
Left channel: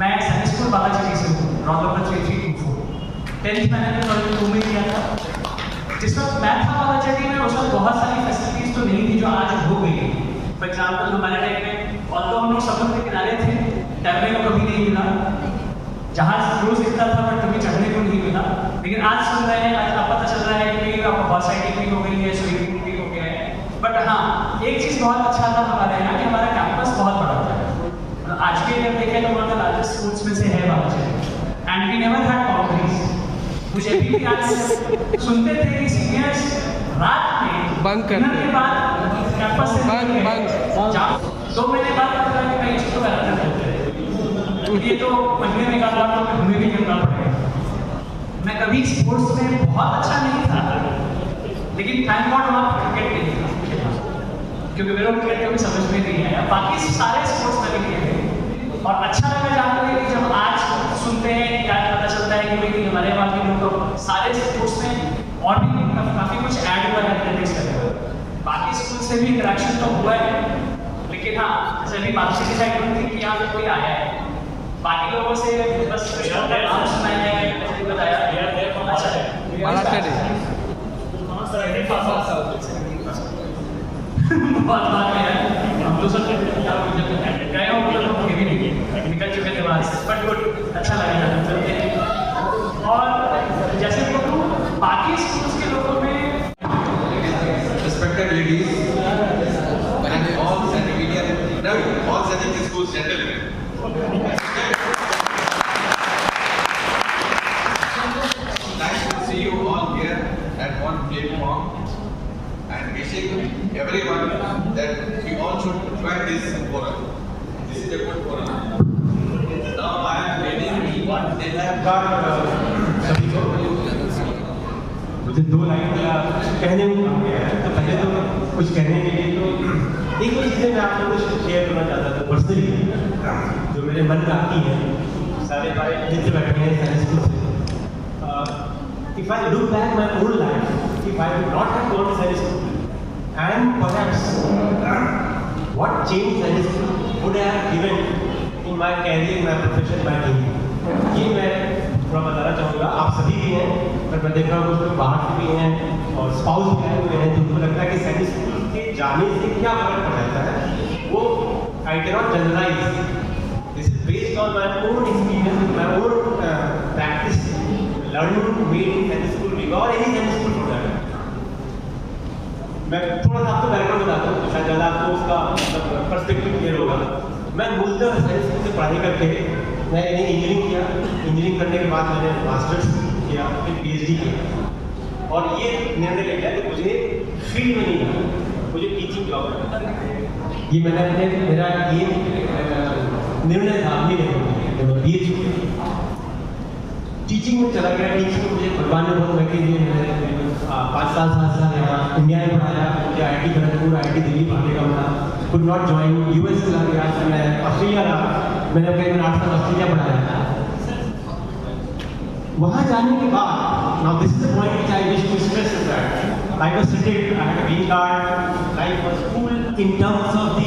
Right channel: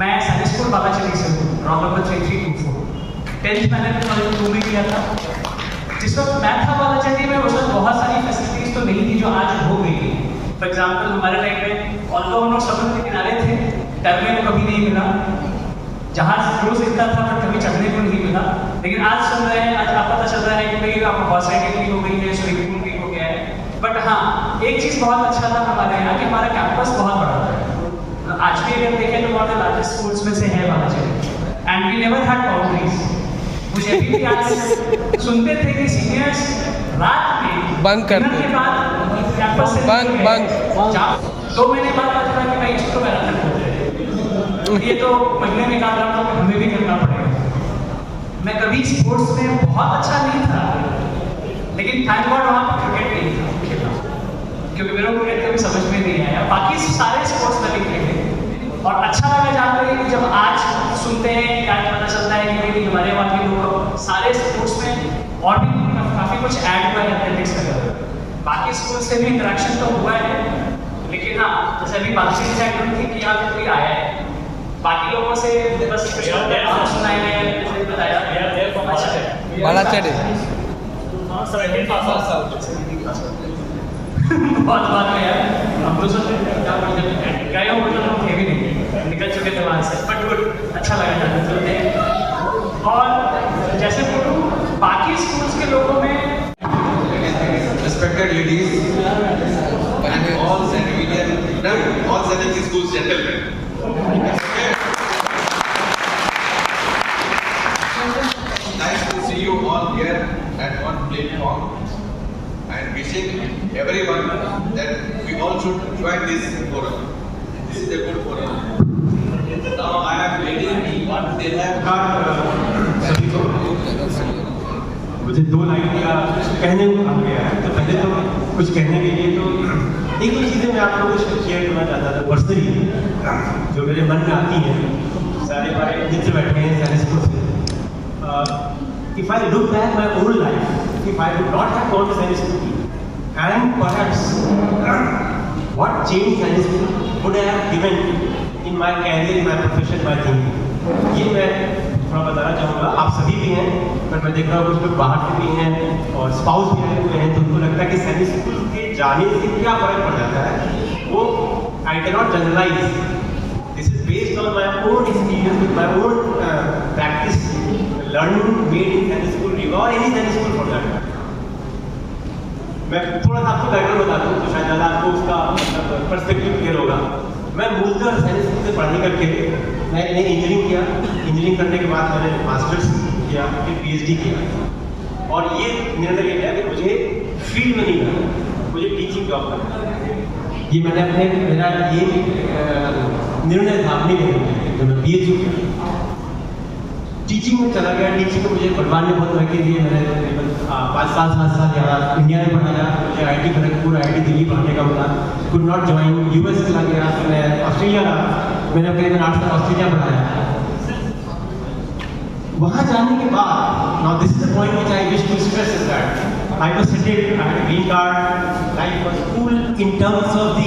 मैं सैनिक स्कूल बालाचली से हूँ, रोल नंबर 3324। 10th मैंने 2002 में किया था। जिस वक्त मैं था बालाचली में उस वक्त बहुत सारी फैसिलिटीज तो नहीं थी जो आज हो गई है। फॉर एग्जाम्पल हमारे टाइम में ऑल्दो हम लोग समुद्र के किनारे थे, तैरने को कभी नहीं मिला, जहाज क्रूज दिखता था पर कभी चढ़ने को नहीं मिला। लेकिन आज सुन रहे हैं, आज पता चल रहा है कि आपका हॉर्स राइडिंग भी हो गई है, स्विमिंग पूल भी हो गया है। बट हाँ, एक चीज़ बहुत अच्छा था हमारे यहाँ कि हमारा कैंपस बहुत बड़ा था। आज भी अगर देखें तो one of the largest schools में से है Balachadi, and we never had boundaries. मुझे अभी भी आज सुनते थे कि सीनियर्स रात में बंक करते के बाद कैंपस से बंक 2 महीने बाद पता चला कि भाई इसको गलत करते हैं, ये तो महीने में काम रहा था, हमें भी करना पड़ेगा। मैं कभी स्पोर्ट्स में बहुत अच्छा नहीं था, लेकिन थैंक गॉड वहाँ क्रिकेट नहीं था, क्योंकि मेरे को क्रिकेट भी समझ में नहीं आया। बाकी सारे स्पोर्ट्स में भी खेले, और अच्छा लगा जानकर कि जब आज सुनते हैं क्या पता चलता है कि भाई हमारे वहाँ के लोग सारे स्पोर्ट्स में और भी काफ़ी कुछ ऐड हुआ है एथलेटिक्स वगैरह। बाकी स्कूल से भी इंटरेक्शन तो हुआ है, लेकिन हाँ, जैसे अभी बातचीत डिसाइड थी कि यहाँ पे कोई आया है, बाकी लोगों से बस नाम सुना है, बताया अच्छा है बालाचली बहुत बात है यार, हम लोग सोचते गए हो मुझे लोग भी नहीं निकल चुके थे वहाँ से, बट गुड, अच्छा लगा। और जैसे बोलूँ बाकी स्कूल्स के लोगों में Respected ladies, when I'm all Zenvidian, no, all Zenvidian schools gentlemen. Nice to see you all here at one platform, and wishing everyone that we all should join this forum. This is a good forum. Now I am reading what they have got. सभी को मुझे 2 line या कहने को कहा गया है, तो पहले तो कुछ कहने के लिए तो 1-2 चीज़ें मैं आप लोगों से शेयर करना चाहता था पर्सनली, जो मेरे मन में आती हैं। सारे हमारे मित्र बैठे हैं सारे स्कूल से। If I look back my old life, if I would not have gone to Sainik school and perhaps what change Sainik school would I have given in my career, in my profession, my thinking, ये मैं थोड़ा बताना चाहूँगा। आप सभी भी हैं, पर मैं देख रहा हूँ कुछ लोग बाहर से भी हैं और स्पाउस भी आए हुए हैं, तो उनको लगता है कि सैनिक स्कूल के जाने से क्या फ़र्क पड़ जाता है। वो I can not generalise, this is based on my own experience with my own practice learning made in Sainik school Rewa और एनी सैनिक स्कूल फॉर दैट मैटर। मैं थोड़ा सा आपको बैकग्राउंड बताता हूँ, तो शायद ज़्यादा आपको उसका मतलब पर्सपेक्टिव क्लियर होगा। मैं मूलतः सैनिक स्कूल से पढ़ाई करके मैंने इंजीनियरिंग किया। इंजीनियरिंग करने के बाद मैंने मास्टर्स किया, फिर PhD किया, और ये निर्णय ले लिया कि मुझे फील्ड में नहीं जाना, मुझे टीचिंग जॉब करना है। ये मैंने अपने मेरा ये निर्णय था अपनी लेकर जब मैं PhD किया, टीचिंग में चला गया। टीचिंग में मुझे भगवान ने बहुत तरक्की दी। मैंने 5 साल 7 साल यहाँ इंडिया में पढ़ाया। मुझे IIT खड़गपुर, IIT दिल्ली पढ़ने का होता, कुड नॉट ज्वाइन। US चला गया, फिर मैं ऑस्ट्रेलिया रहा, मैंने करीबन 8 साल ऑस्ट्रेलिया पढ़ाया। वहाँ जाने के बाद, now this is the point which I wish to stress is that I was settled, I had a green card, life was cool in terms of the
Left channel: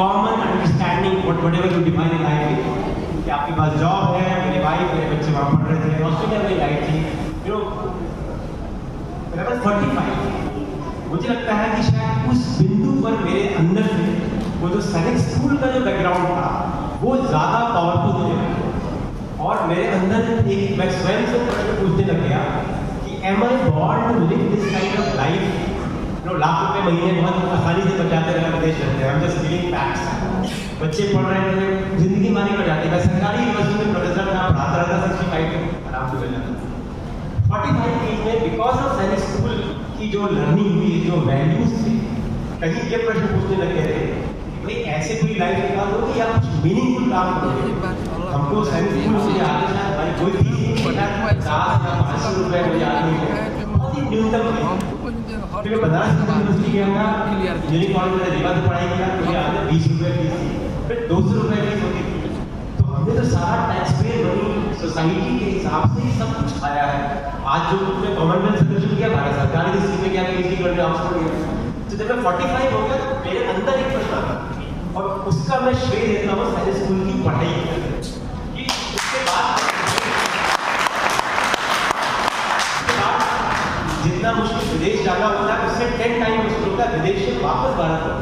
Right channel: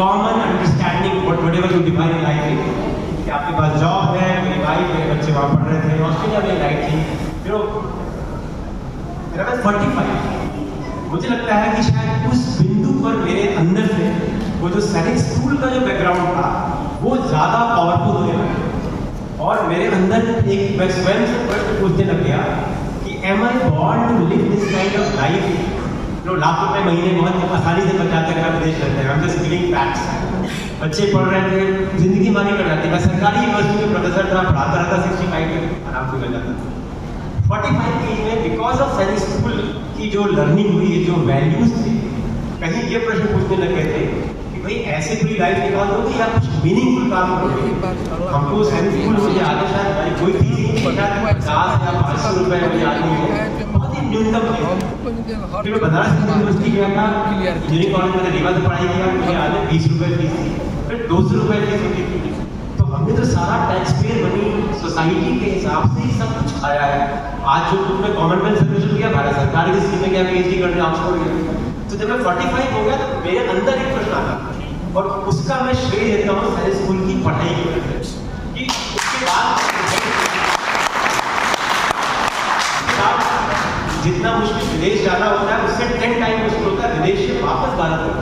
common understanding whatever you define in life, कि आपके पास job है, मेरी wife, मेरे बच्चे वहाँ पढ़ रहे थे, ऑस्ट्रेलिया में लाइफ थी, मेरा बस 45। मुझे लगता है कि शायद उस बिंदु पर मेरे अंदर से वो जो सैनिक स्कूल का जो बैकग्राउंड था वो ज़्यादा पावरफुल होने लगा, और मेरे अंदर एक मैं स्वयं से प्रश्न पूछने लग गया कि am I born to live this kind of life. Lakh रुपए महीने बहुत आसानी से बच जाते हैं, विदेश रहते हैं, हम जस्ट गिविंग फैक्ट्स। बच्चे पढ़ रहे थे, जिंदगी मानी कर जाती है। मैं सरकारी यूनिवर्सिटी में प्रोफेसर था, पढ़ाता रहता, 65 में आराम से मिल जाता था। 45 की एज में बिकॉज ऑफ सैनिक स्कूल की जो लर्निंग हुई, जो वैल्यूज थे, कहीं ये प्रश्न पूछने लग गए थे कि भाई ऐसे कोई लाइफ निकालोगे या कुछ मीनिंगफुल काम करोगे। हमको सैनिक स्कूल मुझे याद है शायद भाई कोई फीस नहीं, शायद 50 या 500 रुपए मुझे याद नहीं है, बहुत ही न्यूनतम फीस। फिर मैं बनारस यूनिवर्सिटी गया था, इंजीनियरिंग कॉलेज में रीवा से पढ़ाई किया, मुझे याद है 20 रुपए फीस थी, फिर 200 रुपए फीस होती थी। तो हमने तो सारा टैक्स पे मनी सोसाइटी के हिसाब से ही सब कुछ खाया है। आज जो तुमने कॉमनवेल्थ सर्विस किया, भारत सरकार की स्कीम में क्या PhD करने ऑक्सफोर्ड गया, तो जब मैं 45 हो गया तो मेरे अंदर एक प्रश्न आता और उसका मैं श्रेय देता हूँ सैनिक स्कूल की पढ़ाई कि उसके बाद जितना मुश्किल विदेश जाना होता है उससे 10 टाइम मुश्किल होता है विदेश से वापस भारत आना,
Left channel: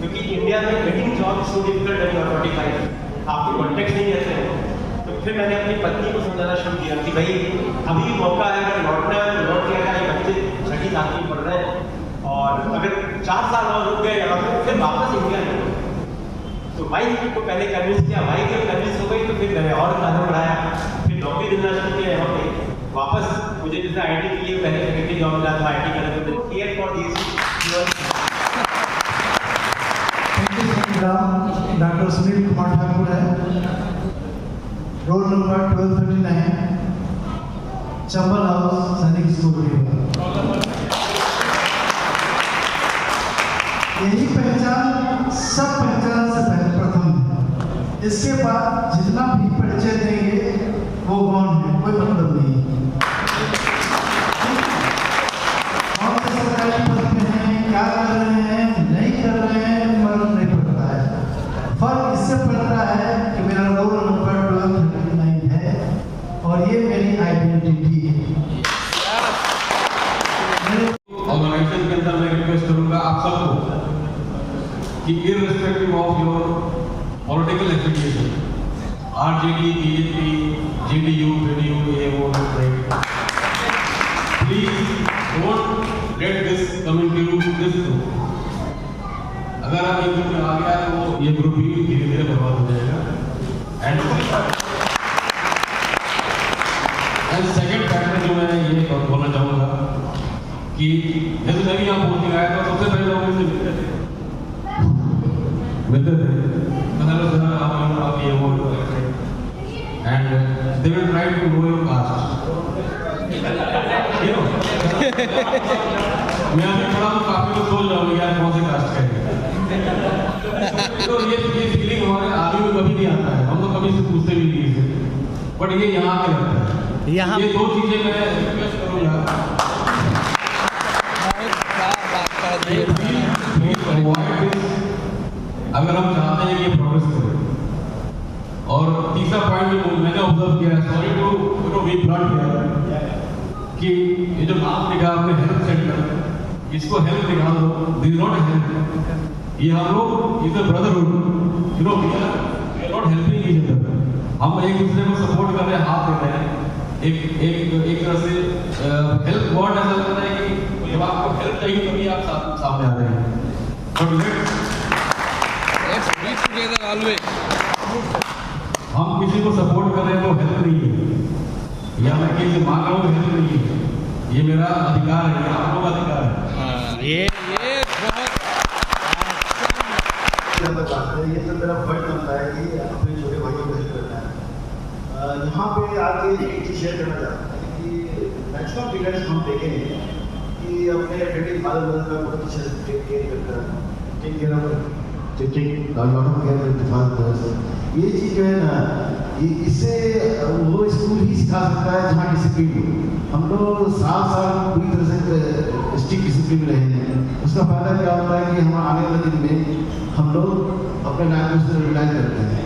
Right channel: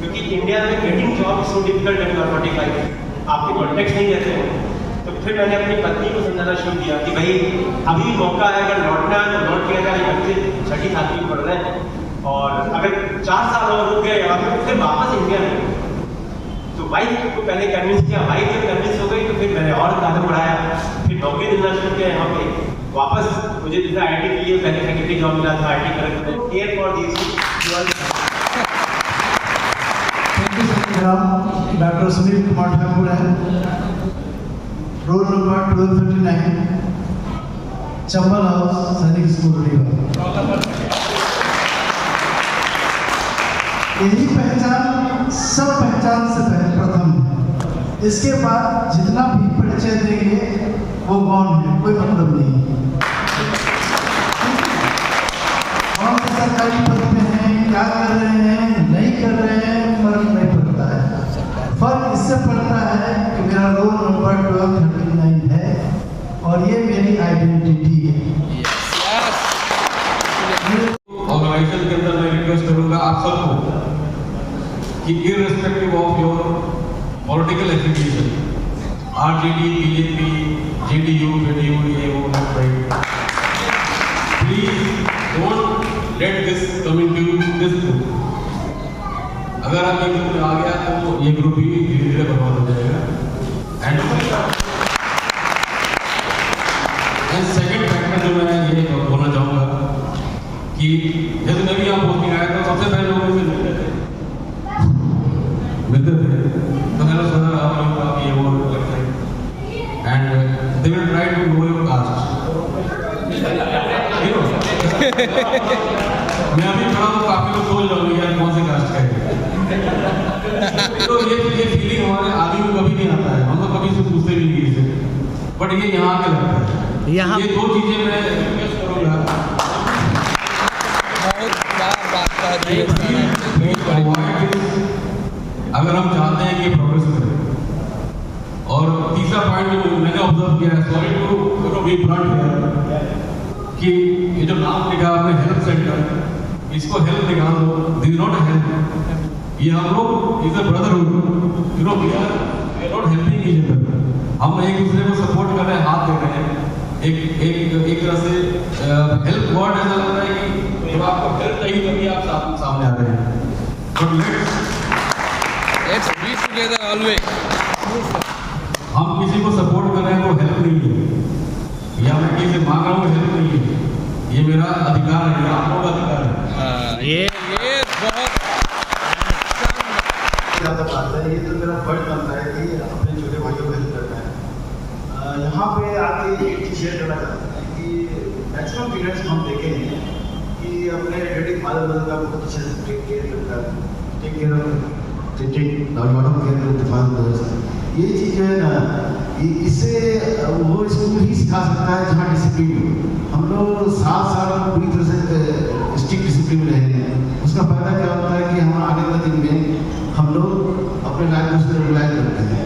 क्योंकि इंडिया में getting job is so difficult when you are 45, आपके कॉन्टेक्ट नहीं रहते हैं। तो फिर मैंने अपनी पत्नी को समझाना शुरू किया कि भाई अभी मौका है, अगर लौटना है तो लौट के जाए, बच्चे 6ठी 7वीं पढ़ रहे हैं और अगर 4 साल और रुक गए यहाँ पे फिर वापस इंडिया में। तो वाइफ को पहले कन्विंस किया, वाइफ जब कन्विंस हो गई तो फिर मैंने और कदम बढ़ाया, फिर नौकरी देना शुरू किया यहाँ पे वापस। मुझे जैसे IT के लिए पहले सेक्रेटरी जॉब मिला था, IT करेक्ट में care for this. Doctor Sunil Kumar Thakur है, रोल नंबर 1239, चंबल हाउस, सैनिक स्कूल रीवा। यही पहचान सब पहचान से प्रथम है, इसके बाद जितना भी परिचय देंगे वो कौन है कोई मतलब नहीं। कौन से सरकारी पद पे हैं, क्या कर रहे हैं, नहीं कर रहे हैं, फर्क नहीं पड़ता है। फर्क इससे पड़ता है कि मेरा रोल नंबर 1239 है और ये मेरी आइडेंटिटी है। ऑर्गेनाइजेशन के अंदर मैं रिक्वेस्ट करूंगा आप सबको कि irrespective of your political affiliation, RJD, BJP, JDU, JDU, AO, please don't let this come into this group. अगर आप एक ग्रुप में आ गया तो ये ग्रुप ही धीरे धीरे बर्बाद हो जाएगा। एंड सेकेंड फैक्टर जो मैं ये बोलना चाहूँगा कि जैसे मैं भी यहाँ पोस्टिंग आया था, सबसे पहले लोग मुझसे मिलते थे तो हेलो सर आप ये वो करते हैं and they will try to know your caste. मैं अभी खड़ा हूँ, काफी लोग बोल रहा हूँ यार कौन से कास्ट का है। तो ये फीलिंग हमारे आदमी में कभी नहीं आता है, हम तो कभी से पूछते भी नहीं इसे, बट ये यहाँ के लगता है। ये 2 चीजें मैं रिक्वेस्ट करूँगा, अगर हम चाहते हैं कि प्रोग्रेस करें। और तीसरा पॉइंट जो मैंने ऑब्जर्व किया, सॉरी टू बी ब्लंट है, कि ये जो नाम लिखा आपने हेल्थ सेंटर, इसको हेल्थ निकाल दो, दिस नॉट हेल्थ। ये हम लोग is a brotherhood, you know we are not helping each other. हम एक दूसरे को सपोर्ट कर रहे हैं, हाथ दे रहे हैं। एक तरह से हेल्प वर्ड ऐसा लगता है कि जब आपको हेल्प चाहिए तभी आप सामने आ रहे हैं। But let's be together always. हम किसी को सपोर्ट कर रहे हैं तो हेल्प नहीं है, या मैं किसी से मांग रहा हूँ हेल्प नहीं है, ये मेरा अधिकार है, ये आप लोगों का अधिकार है। ये बहुत ज़्यादा बात है, ये तो मेरा फर्ज बनता है कि अपने छोटे भाइयों को हेल्प करना है। यहाँ पे आके एक चीज़ शेयर करना चाहते हैं कि मैक्सिमम पेरेंट्स हम देखे हैं कि अपने डेडी फादर मदर का बहुत अच्छे से टेक केयर करता है, टेक केयर ऑफ ये चीज़ जो है ना, इससे वो स्कूल ही सिखा सकता है जहाँ डिसिप्लिन हो। हम लोग साल पूरी तरह से स्ट्रिक्ट डिसिप्लिन रहे हैं, उसका फायदा क्या होता है कि हम आने वाले दिन में हम लोग अपने लाइफ में उसको रिलाइज करते हैं।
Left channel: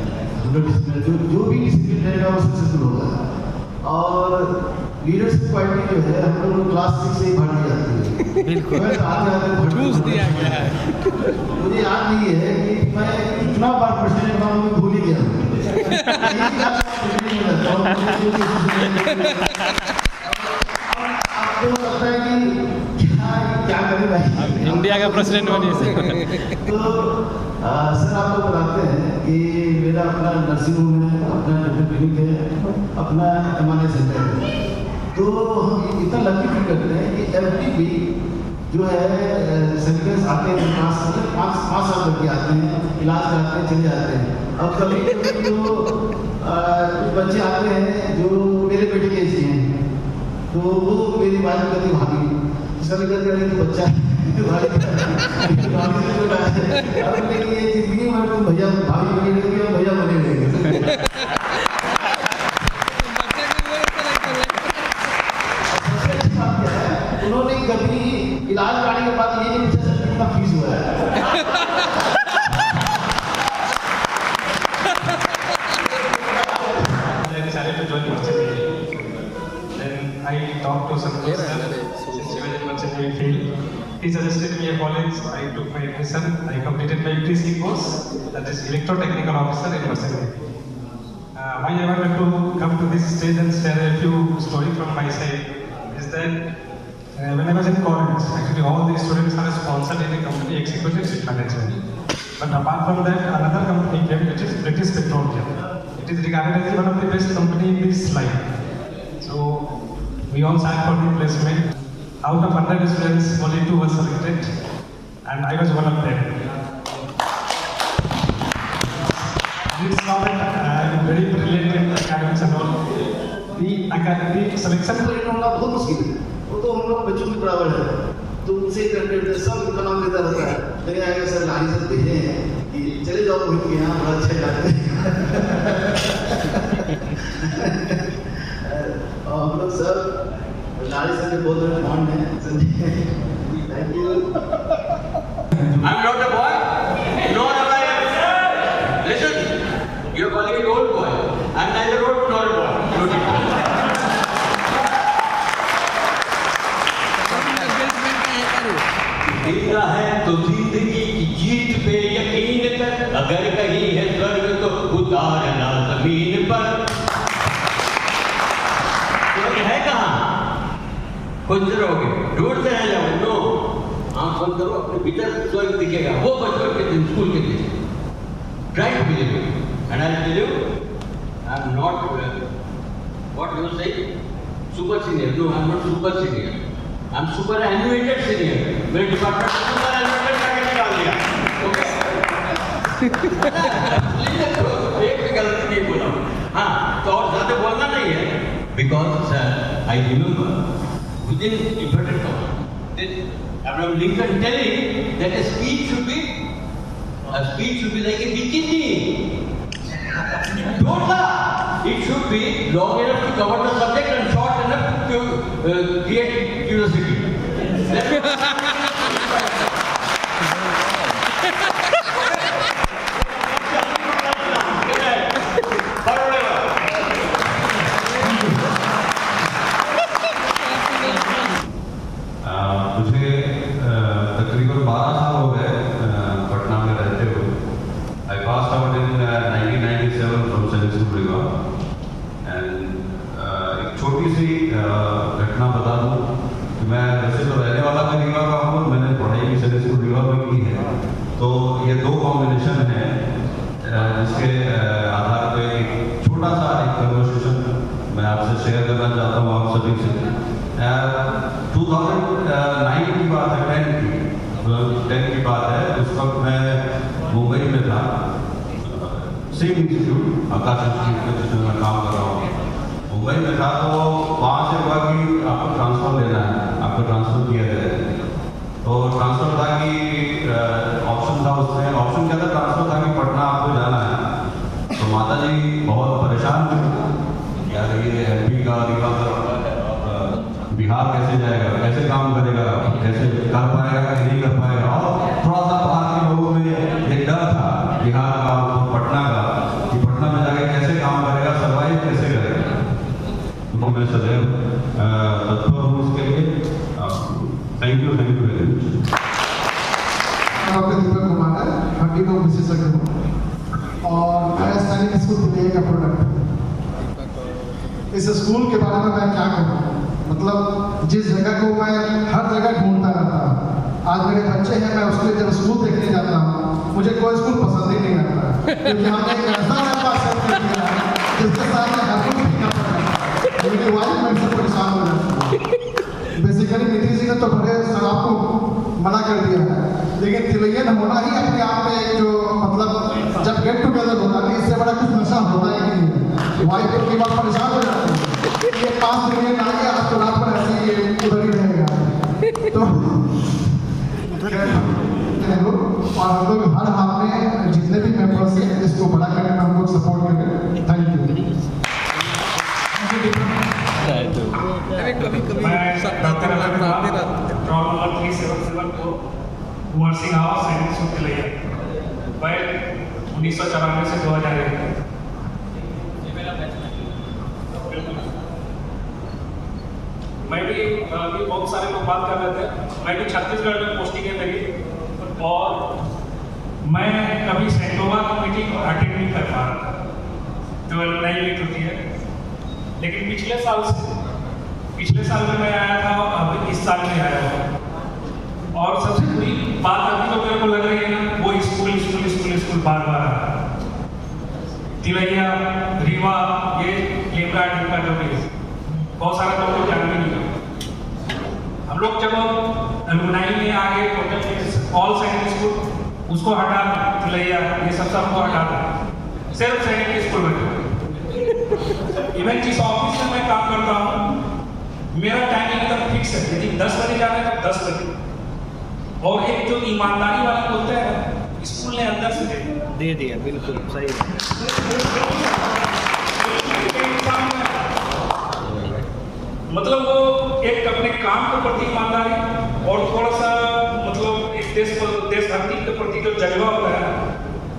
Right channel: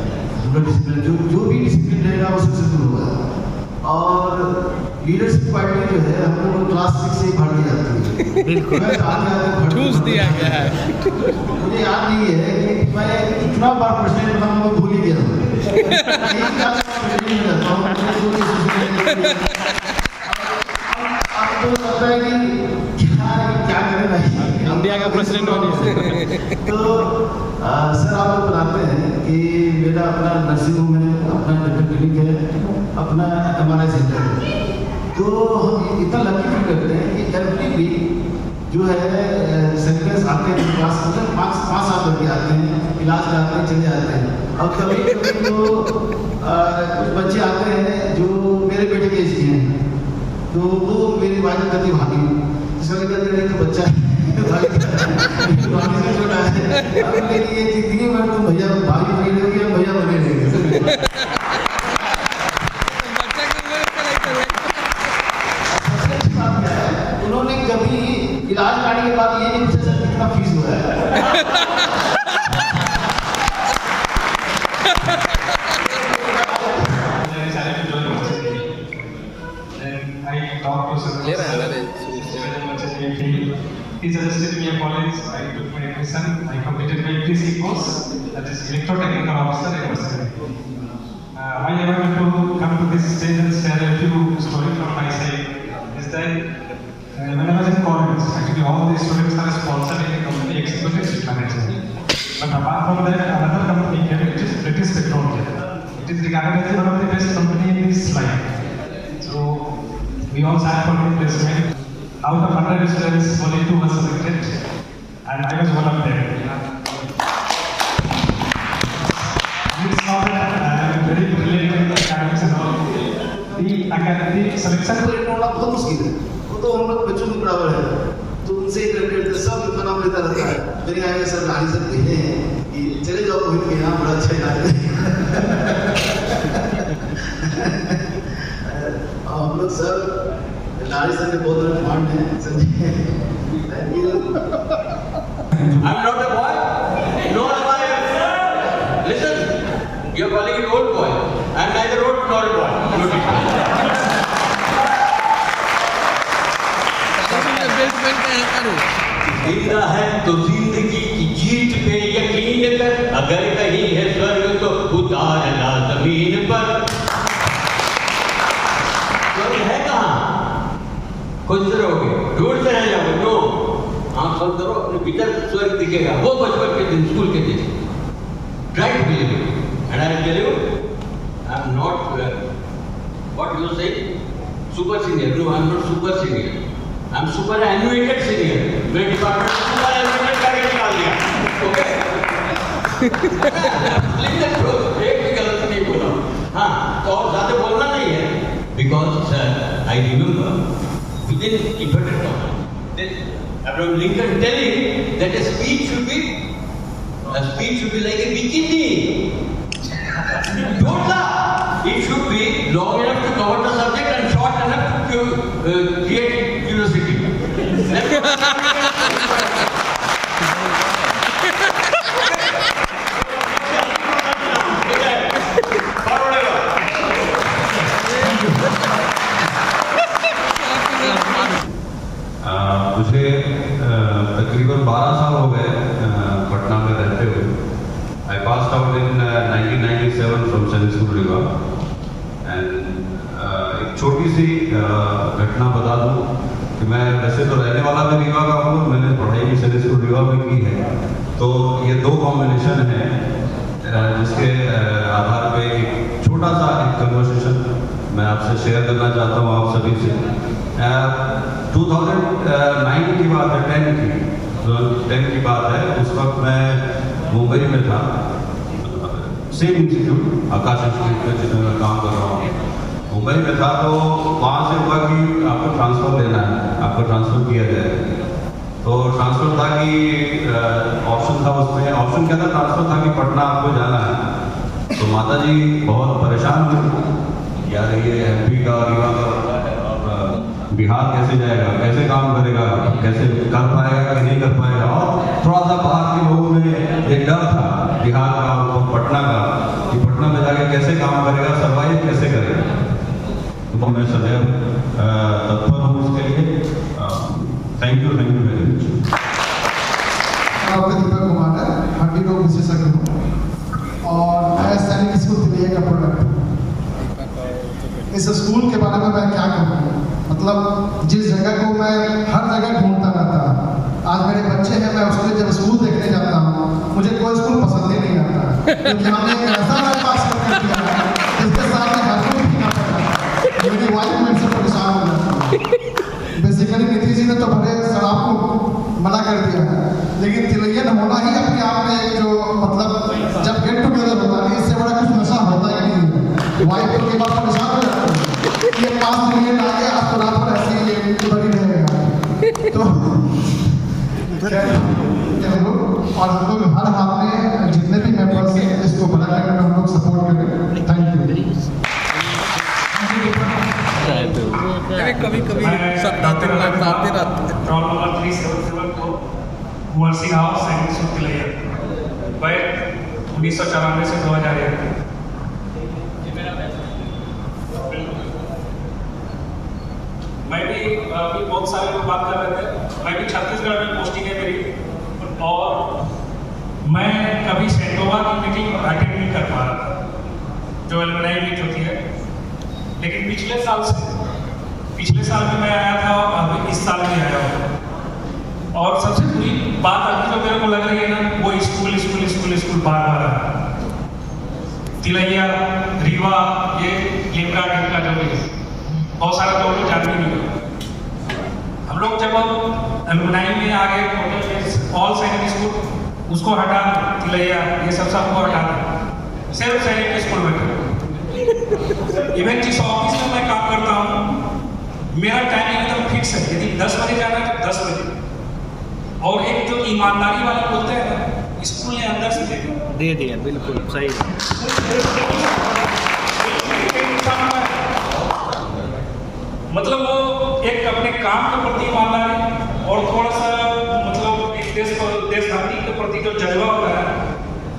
हम लोग डिसिप्लिन जो भी डिसिप्लिन रहेगा वो सक्सेसफुल होगा। और लीडरशिप क्वालिटी जो है हम लोग क्लास 6 से ही भर दी जाती है। बिल्कुल ठूस दिया गया है। मुझे याद नहीं है कि मैं कितना बार प्रेसिडेंट बनने में भूल ही गया हूँ। आपको लगता है कि क्या करें भाई इंडिया का प्रेसिडेंट होने से। तो सर आप लोग बताते हैं कि मेरा अपना नर्सिंग होम है, अपना डेंटल क्लिनिक है, अपना MRI सेंटर है। तो हम इतना लकी फील करते हैं कि एवरी वीक जो है सर्विलेंस आते हैं मेरे पास, मतलब 5-7 लड़के आते हैं, इलाज कराते हैं, चले जाते हैं। और कभी कभी तो कुछ बच्चे आते हैं जो मेरे बेटे के एज के हैं, तो वो मेरी वाइफ कहती भाभी, जिसका कहते हैं तो बच्चा भाभी से छोटा है, अब मेरी ये जिंदगी भर तुम भैया भाभी बने रहोगे या भैया बने रहेंगे। उन्होंने कभी इलाज कराने के बाद ये नहीं पूछा सर कितना फीस हुआ है। I talked to some he suggested me a college. I took my admission. I completed my ETC course, that is electrotechnical officer in Varsity. Why I wanted to come to this stage and share a few stories from my side is that when I was in college, actually all these students are sponsored in a company executive shift manager. But apart from that, another company came, which is British Petroleum. It is regarded as one of the best company in this line. So we all sat for the placement. Out of 100 students, only 2 were selected, and I was one of them. And it's not that I'm very brilliant in academics and all. The academic selection. बहुत मुश्किल है, वो तो हम लोग बच्चों के बराबर है, तो उनसे करते सब उनका नाम लेता रहता है। मेरे आगे सर लाली सर भेजे हैं कि चले जाओ मोहित के यहाँ, बड़ा अच्छा इलाज और हम लोग सर लाली सर के बहुत बड़े फंड हैं Sanjay, thank you. I'm not a boy, nor am I. Listen, you are calling it old boy. I am neither old nor a boy. जिंदा है तो जिंदगी की जीत पे यकीन कर, अगर कहीं है स्वर्ग तो उतारना जमीन पर। स्वर्ग है कहाँ? खोजते रहोगे, ढूंढते रह जाओगे। नो, आंख बंद करो, अपने भीतर स्वर्ग दिखेगा, वो बचपन के दिन, स्कूल के दिन। Try to believe it, and I will tell you, I am not what you say, super senior. No, I am not super senior. I am superannuated senior. मेरे डिपार्टमेंट में superannuated करके निकाल दिया, okay? एक भी गलती नहीं बोला। हाँ, तो और ज़्यादा बोलना नहीं है, because I remember within inverted commas, Abraham Lincoln telling that a speech should be like a bikini. Don't laugh. It should be long enough to cover the subject and short enough to create curiosity. मुझे तकरीबन 12 साल हो गए पटना में रहते हुए। I passed out in 1997 from Science School Rewa. And एक छोटी सी घटना बता दूं कि मैं वैसे तो रहने वाला भी रीवा का हूँ, मैंने पढ़ाई भी Science School रीवा में की है। तो ये दो कॉम्बिनेशन है जिसके आधार पे एक छोटा सा एक कन्वर्सेशन मैं आपसे शेयर करना चाहता हूँ आप सभी से। 2009 की बात है, 10 की बात है। उस वक्त मैं मुंबई में था, सेम इंस्टीट्यूट आकाश इंस्टीट्यूट में जिसमें मैं काम कर रहा हूँ, मुंबई में था। तो वहाँ से हुआ कि आपको ट्रांसफर लेना है, आपको ट्रांसफर किया जाएगा। तो ट्रांसफर था कि ऑप्शन था, उसमें ऑप्शन क्या था, ट्रांसफर था कि पटना आपको जाना है। तो माता जी बहुत परेशान हुई, यार ये एमपी का रीवा का बिहार कैसे जाएगा, कैसे काम करेगा, कैसे कर पाएगा कि नहीं कर पाएगा। और थोड़ा सा बाहर के लोगों में एक डर था बिहार का और पटना का कि पटना में जाके कैसे काम करेगा, सर्वाइव कैसे करेगा। तो मैं सदैव तत्पर हूँ उसके लिए। Thank you very much. Deepak Kumar है, हड्डी रोग विशेषज्ञ हूँ और मैं सैनिक स्कूल के लिए का प्रोडक्ट। इस स्कूल के बारे में मैं क्या कहूँ, मतलब जिस जगह को मैं हर जगह ढूंढता रहता हूँ। आज मेरे बच्चे हैं, मैं उसके जब स्कूल देखने जाता हूँ मुझे कोई स्कूल पसंद ही नहीं आता, क्योंकि हमने एक ऐसा मेरे पास जिसके साथ में हर कोई भी ना पड़ा, मेरी वाइफ मेरे से परेशान हो जाती है। बेसिकली नीतीश जी ने तो बड़े सर आपको लेकिन तिलैयन होना ही अपने आप में एक जो मतलब जब गेट टुगेदर होता है इससे बड़ा कुछ नशा होता ही नहीं है। वाइफ तो कई बार परेशान हो जाती है, ये 5 तिलैयन आ गया, अब तो रात भर ऐसे ही ये उधर ही रहेगा। तो और हम लोग हर हाथ में जितने भी मेंबर्स हैं इसको बड़ा करने में हम लोग सपोर्ट करें। Thank you. नर्सिंग हाउस सैनिक स्कूल के लिए वह 1994 से 2001 मैं भी अभी बहुत सारे लोग बात कर रहे थे, मैं भी छत्तीसगढ़ में पोस्टिंग है मेरी, और मैं कभी सैनिकों की मीटिंग अटेंड नहीं कर पा रहा था जो एलुमनाई मीट होती है, लेकिन पिछले साल में मैं आया था, अभी इस साल भी आया हूँ। और सबसे बुरी बात अभी जो मेरे को लग रही है ना, वो स्कूल बार आ रहा है। तिलैया, रीवा, ये लिमका टिमका जो है, बहुत सारे लोग तो जान भी नहीं। हम लोग जब एलुमनाई में आगे ऑल सैनिक स्कूल उसको हटा दें, तिलैया ये सब हमको हटा दें, सिर्फ सैनिक के स्कूल में। इवन जिस ऑफिस में मैं काम करता हूँ, मेरा टाइमिंग एकदम फिक्स है, यदि 10 बजे जाना है तो 10 बजे। और एक जो ईमानदारी वाले बोलते हैं ना, स्कूल ने अंदर से दे दिया, बिल्कुल सही। मतलब वो एक अपने काम के प्रति ईमानदारी और थोड़ा सा मतलब एक देशभक्ति के प्रति जो जज्बा होता है,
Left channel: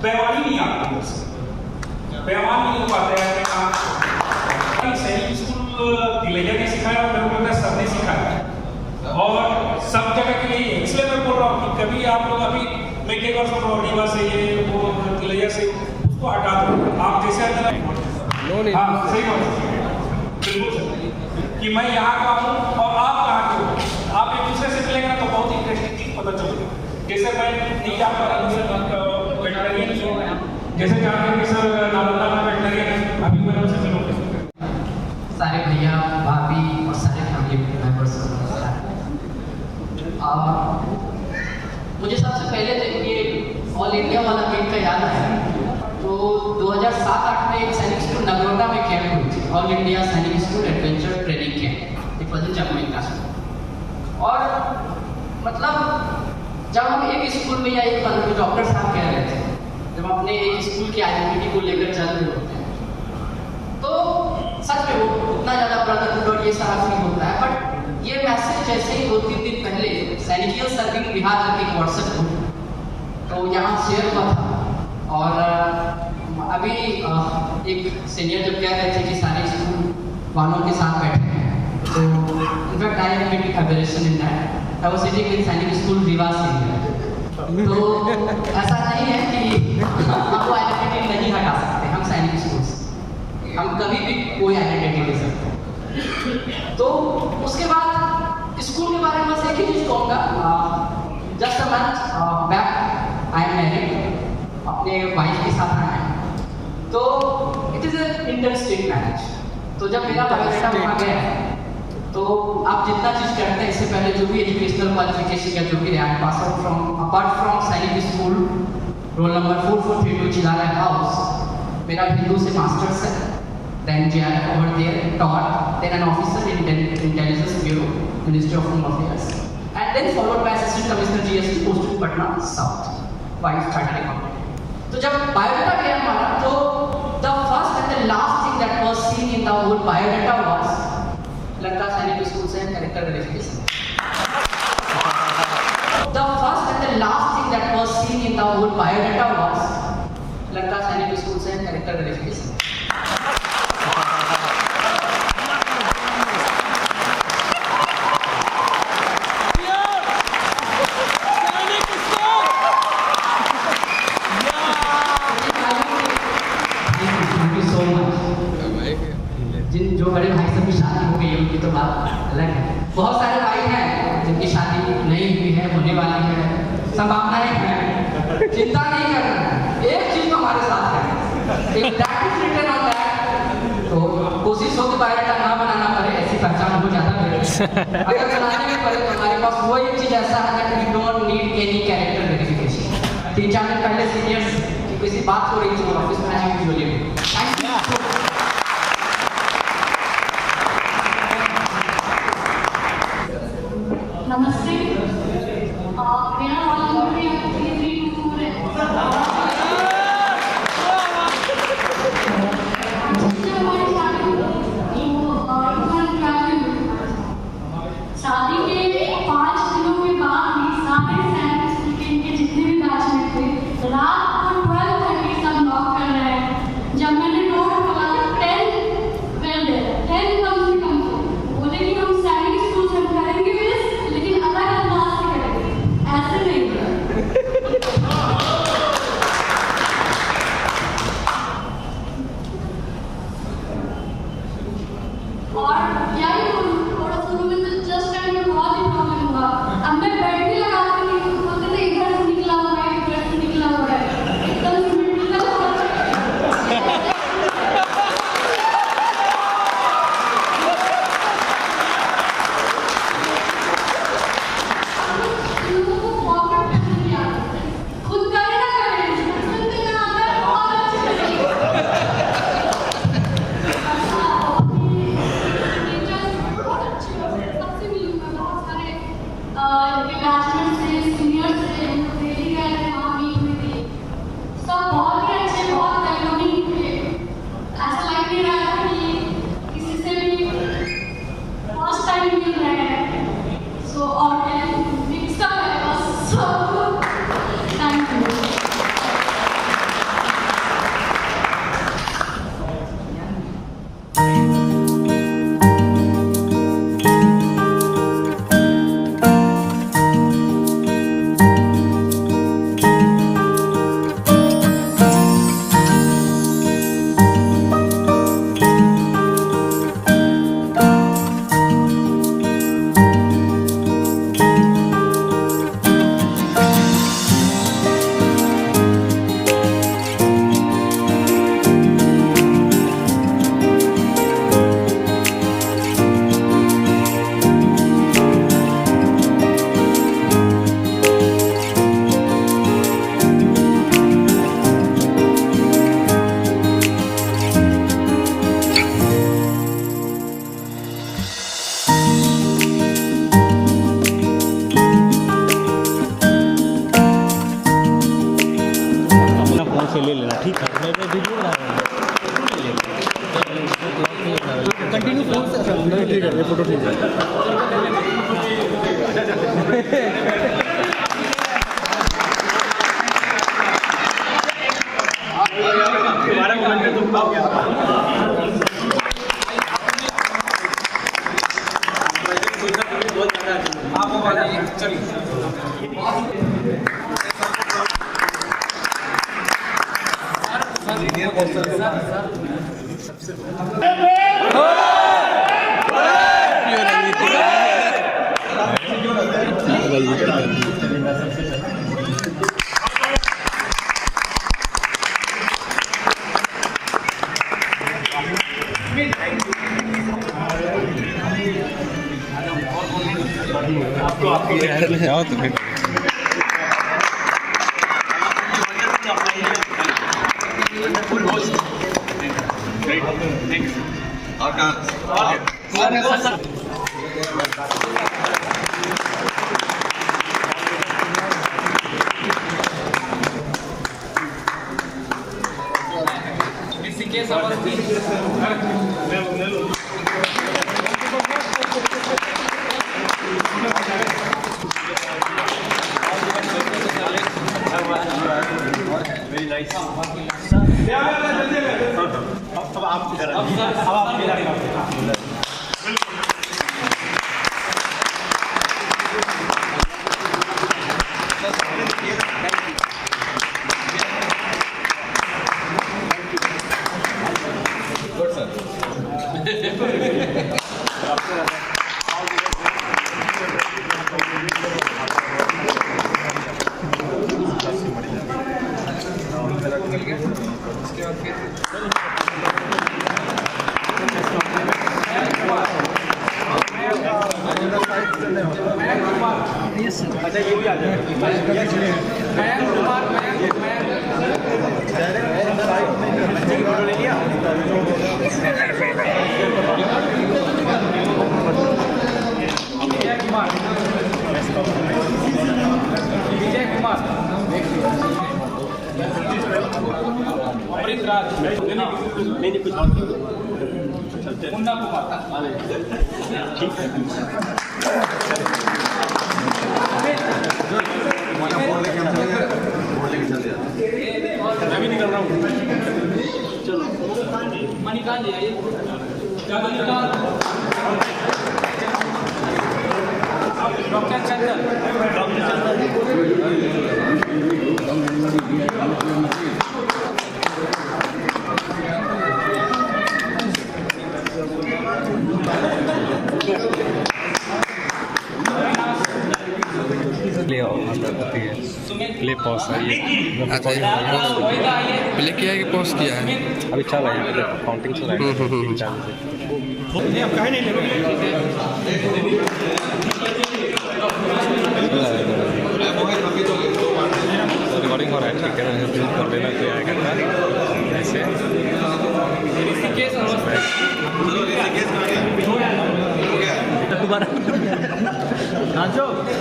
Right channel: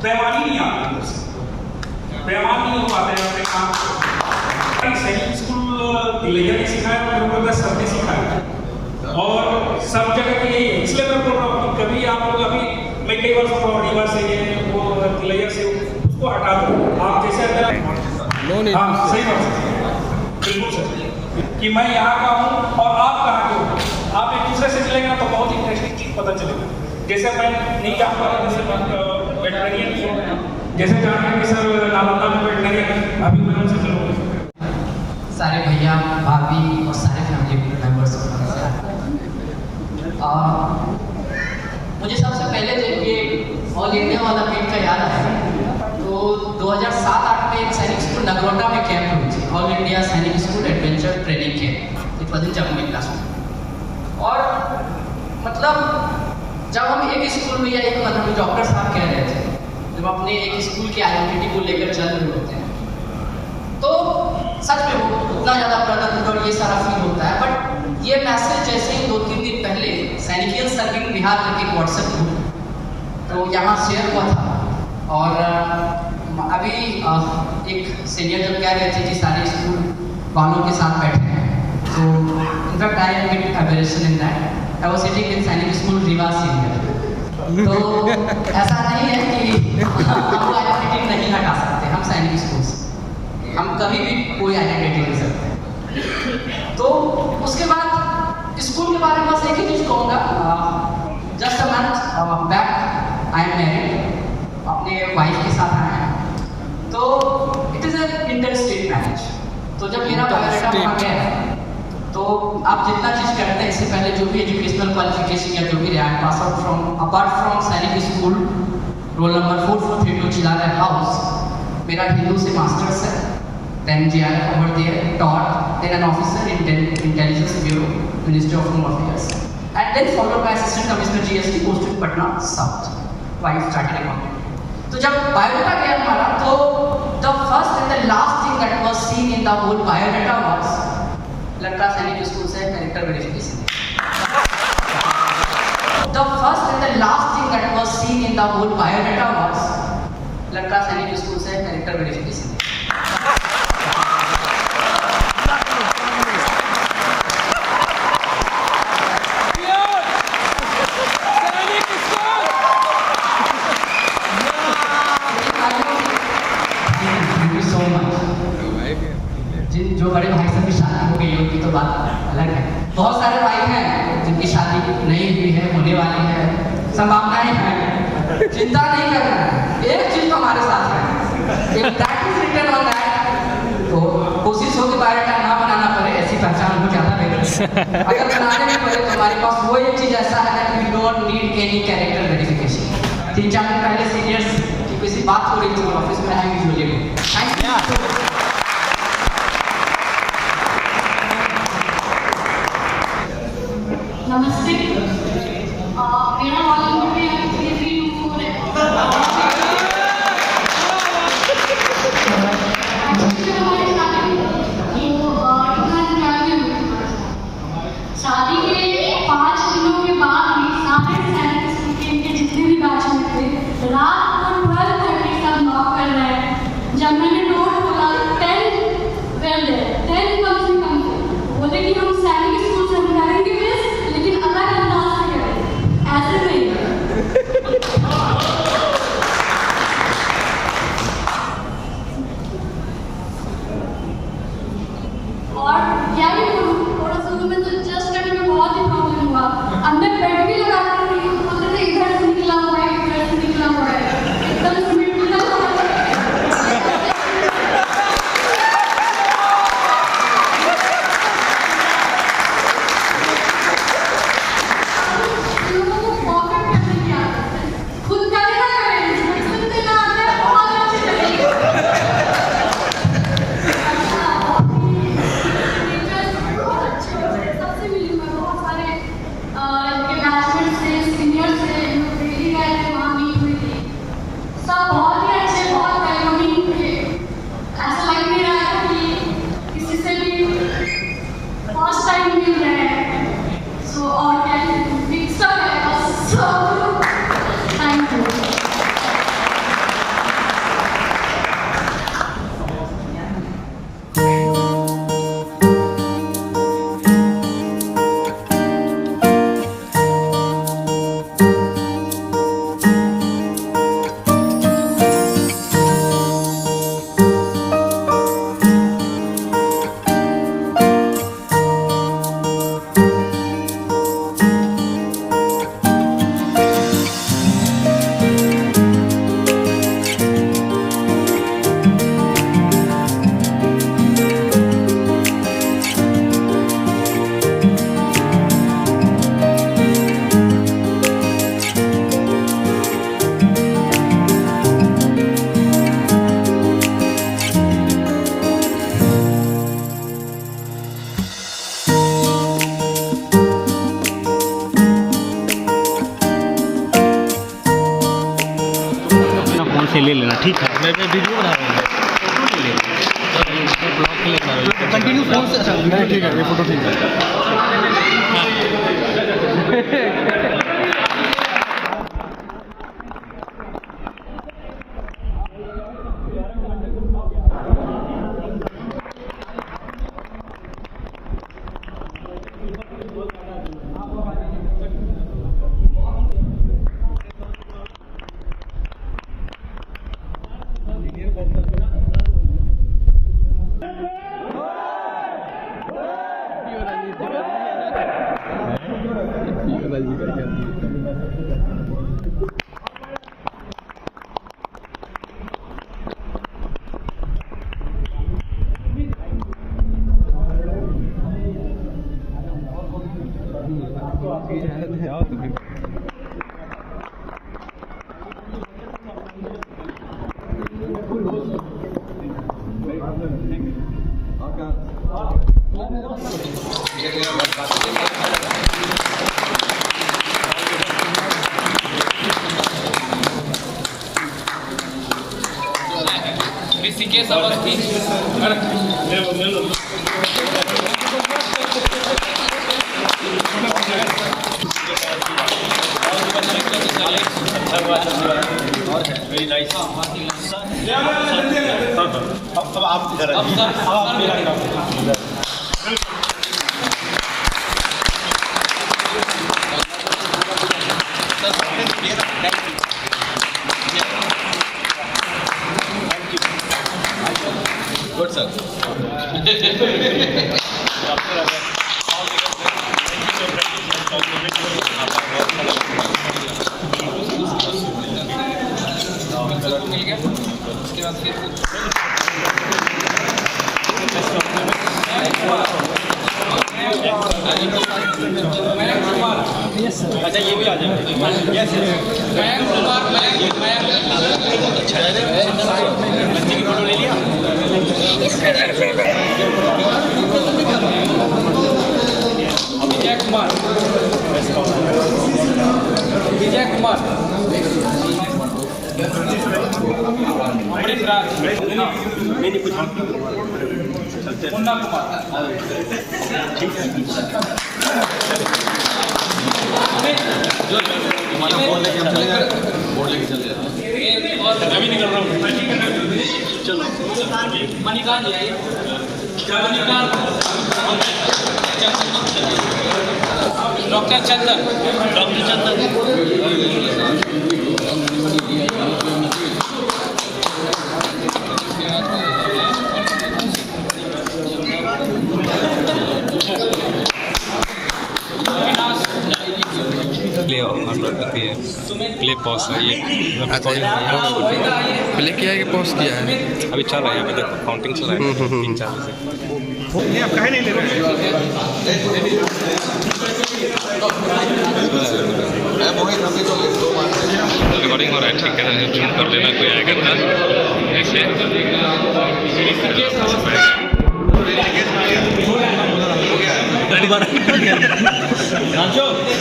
बेईमानी नहीं आती, बेईमान नहीं हो पाते हैं। सैनिक स्कूल तिलैया ने सिखाया, मेरे को सबने सिखाया और सब जगह के लिए। इसलिए मैं बोल रहा हूँ कि कभी आप लोग अभी मैं कई वर्ष रीवा से ये वो तिलैया से उसको हटा दो, आप जैसे हाँ सही बात बिल्कुल सर, कि मैं यहाँ का हूँ और आप कहाँ के हो, आप एक दूसरे से चलेंगे ना तो बहुत इंटरेस्टिंग चीज पता चलेगा। जैसे मैं नहीं जा पा रहा, जैसे वेटनरियन जैसे जाना है कि सर नालंदा में वेटनरियन, अभी मैं उनसे चलूँगा। सारे भैया भाभी और सारे फैमिली मेम्बर्स, मुझे सबसे पहले जब ये ऑल इंडिया वाला मीट का याद है तो 2007-08 में एक सैनिक स्कूल नगरोटा में कैंप हुई थी, ऑल इंडिया सैनिक school adventure training camp, it was in Jammu class. और मतलब जब हम एक स्कूल में या एक मतलब डॉक्टर साहब कह रहे थे, जब अपने एक स्कूल की आइडेंटिटी को लेकर चल रहे होते हैं तो सच में वो उतना ज़्यादा ब्रदरहुड और ये सारा फील होता है। बट ये मैसेज जैसे ही 2-3 दिन पहले सैनिकियन सर्विंग बिहार करके एक व्हाट्सएप ग्रुप तो यहाँ शेयर हुआ था, और अभी एक सीनियर जब कह रहे थे कि सारे स्कूल वालों के साथ बैठे हैं, तो in fact I am getting aberration in that I was sitting in Sainik school Rewa senior. तो ऐसा नहीं है कि हम वो आइडेंटिटी नहीं हटा सकते, हम सैनिक स्कूल से हम कभी भी कोई आइडेंटिटी ले सकते हैं। तो उसके बाद स्कूल के बारे में बस एक ही चीज़ कहूँगा, just a month back I am married, अपने वाइफ के साथ आए हैं, तो it is A inter state marriage. तो जब मेरा बायोडाटा वहाँ गया तो आप जितना चीज़ करते हैं इससे पहले जो भी एजुकेशनल क्वालिफिकेशन या जो भी रहा है pass out from apart from Sainik school roll number 4432 चिलारा house, मेरा हिंदू से मास्टर्स है, then JRF over there taught, then an officer in Intelligence Bureau, Ministry of Home Affairs, and then followed by Assistant Commissioner GST posted Patna South. Wife started accounting. तो जब biodata गया हमारा तो the first and the last thing that was seen in the whole biodata was लड़का सैनिक school से character verification. The first and the last thing that was seen in the whole biodata was लड़का सैनिक school से character verification. जो बड़े भाई से भी शादी हो गई उनकी तो बात अलग है। बहुत सारे भाई हैं जिनकी शादी नहीं हुई है, होने वाली है, संभावनाएं हैं, चिंता नहीं करना है। एक चीज तो हमारे साथ है, एक that is written on that. तो कोशिश हो कि बायोडाटा ना बनाना पड़े, ऐसी पहचान हो ज़्यादा बेहतर है। अगर बनाने में पड़े तो हमारे पास वो एक चीज ऐसा है that we don't need any character आपने पहले सीनियर्स की किसी बात हो रही थी ऑफिस में, आई यूजुअली थैंक यू। नमस्ते, मेरा रोल नंबर भी 324 है। शादी के 5 दिनों के बाद भी सारे सैनिक के जितने भी बैचमेट थे रात को 12:30 सब नॉक कर रहे हैं। जब मैंने डोर खोला 10 कम से कम बोले कि हम सैनिक स्कूल से करेंगे मिस, लेकिन अलग अंदाज से करेंगे, ऐसे नहीं। और क्या ही थोड़ा शुरू में तो जस्ट करने में बहुत ही प्रॉब्लम हुआ। अब मैं बेड भी लगा रही थी, बोलते थे इधर से निकला हुआ है, इधर से निकला हुआ है, एकदम से निकला हुआ है। लोगों को परफेक्ट करने की आदत है, खुद करे ना करे, बचपन से ना आता है बहुत अच्छे तरीके सबसे मिली मैं बहुत सारे बैचमेट से सीनियर से दिल्ली गए थे, वहाँ मीट हुई थी, सब बहुत ही अच्छे, बहुत वेलकमिंग थे। ऐसा लग नहीं रहा है कि किसी से भी फर्स्ट टाइम मिल रहे हैं। सो और क्या मिक्स अप है बस, सो थैंक यू। अपना फोन से ले लेना, ठीक है? मैं वीडियो बना रहा हूँ, कंटिन्यू फोन से। ठीक है, ये फोटो ठीक है। जाओ तो फिर ऋषिकेश अवस्थी ले लो। अच्छा हुआ वेरी नाइस। अब आप इधर अब आप मेरा काम गुड सर। मिल गया उसके बाद फिर मयंक कुमार। अच्छा ये भी आ जाए। मयंक कुमार, मयंक बच्चे की फोटो ले लिया। विजय कुमार, विजय कुमार, अमृत राज, मैंने कुछ मुन्ना कुमार, अभी निकल रहा हूँ। चलो मणिकांत जी आइए। मणिकांत, डॉक्टर चंदन, डॉक्टर चंदन प्ले पॉज ये प्ले किया है कि पॉज किया है? अभी चल रहा है, काउंटिंग चल रहा है 3-4 से। नहीं आप कहे नहीं ले रहे रिकॉर्डिंग हो रहा है, ठीक है, जूम कर लेना कोई आएगा ना नीचे।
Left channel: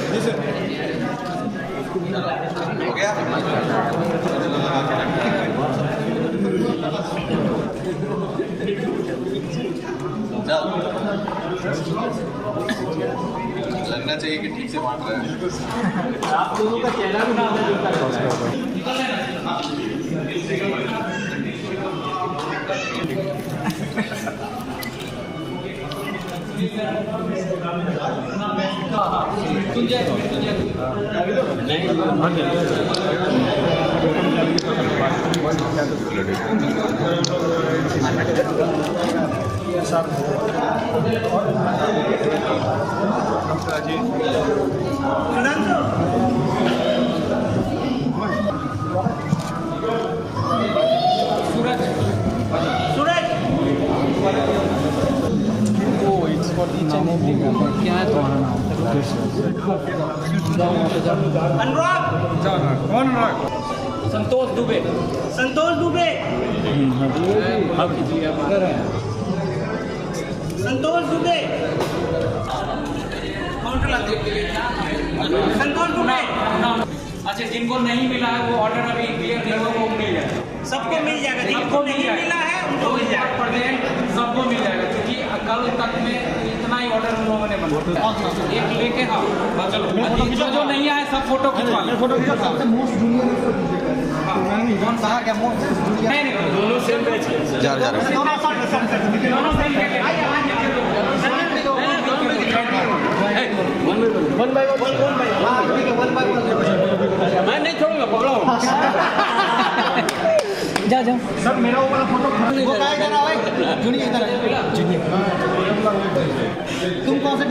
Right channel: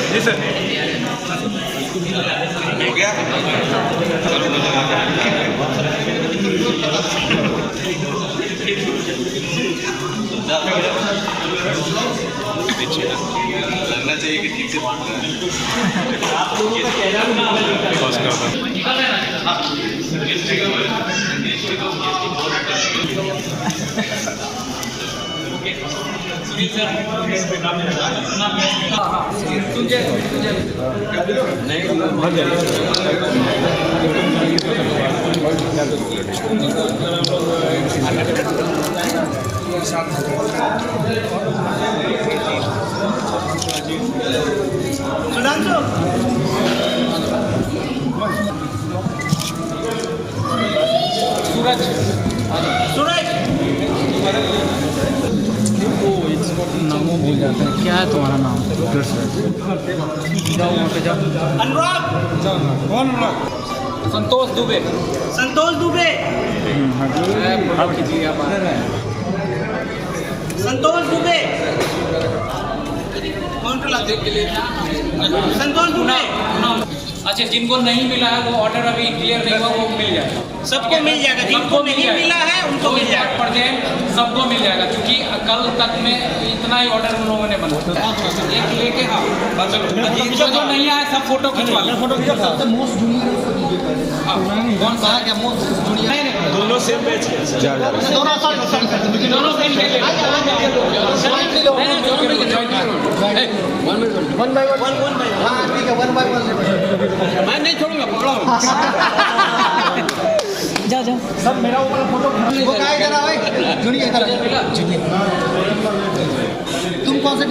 जी सर हो गया। लगना चाहिए कि ठीक से बांट रहे हैं। आप लोगों का कहना भी ना क्या है तुम्हारा नाम? अनुराग, संतोष दुबे, संतोष दुबे, संतोष दुबे, संतोष दुबे। अच्छा जिनको नहीं मिला है वो ऑर्डर अभी क्लियर नहीं हुआ, वो मिल जाएगा। सबको मिल जाएगा, जिनको नहीं मिला है उनको मिल जाएगा। पर देन सबको मिल जाएगा, क्योंकि कल तक में इतना ही ऑर्डर उन लोगों ने बनाया। एक लेके हाँ चलो, जो नहीं आया सब फोटो खिंचवा लो। कौन सा क्या मोस्ट जूनियर? दोनों सेम बैच के दोनों सेम के ले वन बाय वन मैं नहीं छोड़ूंगा, पकड़ो। जा सब मेरा वाला फोटो जूनियर तुम कौन सा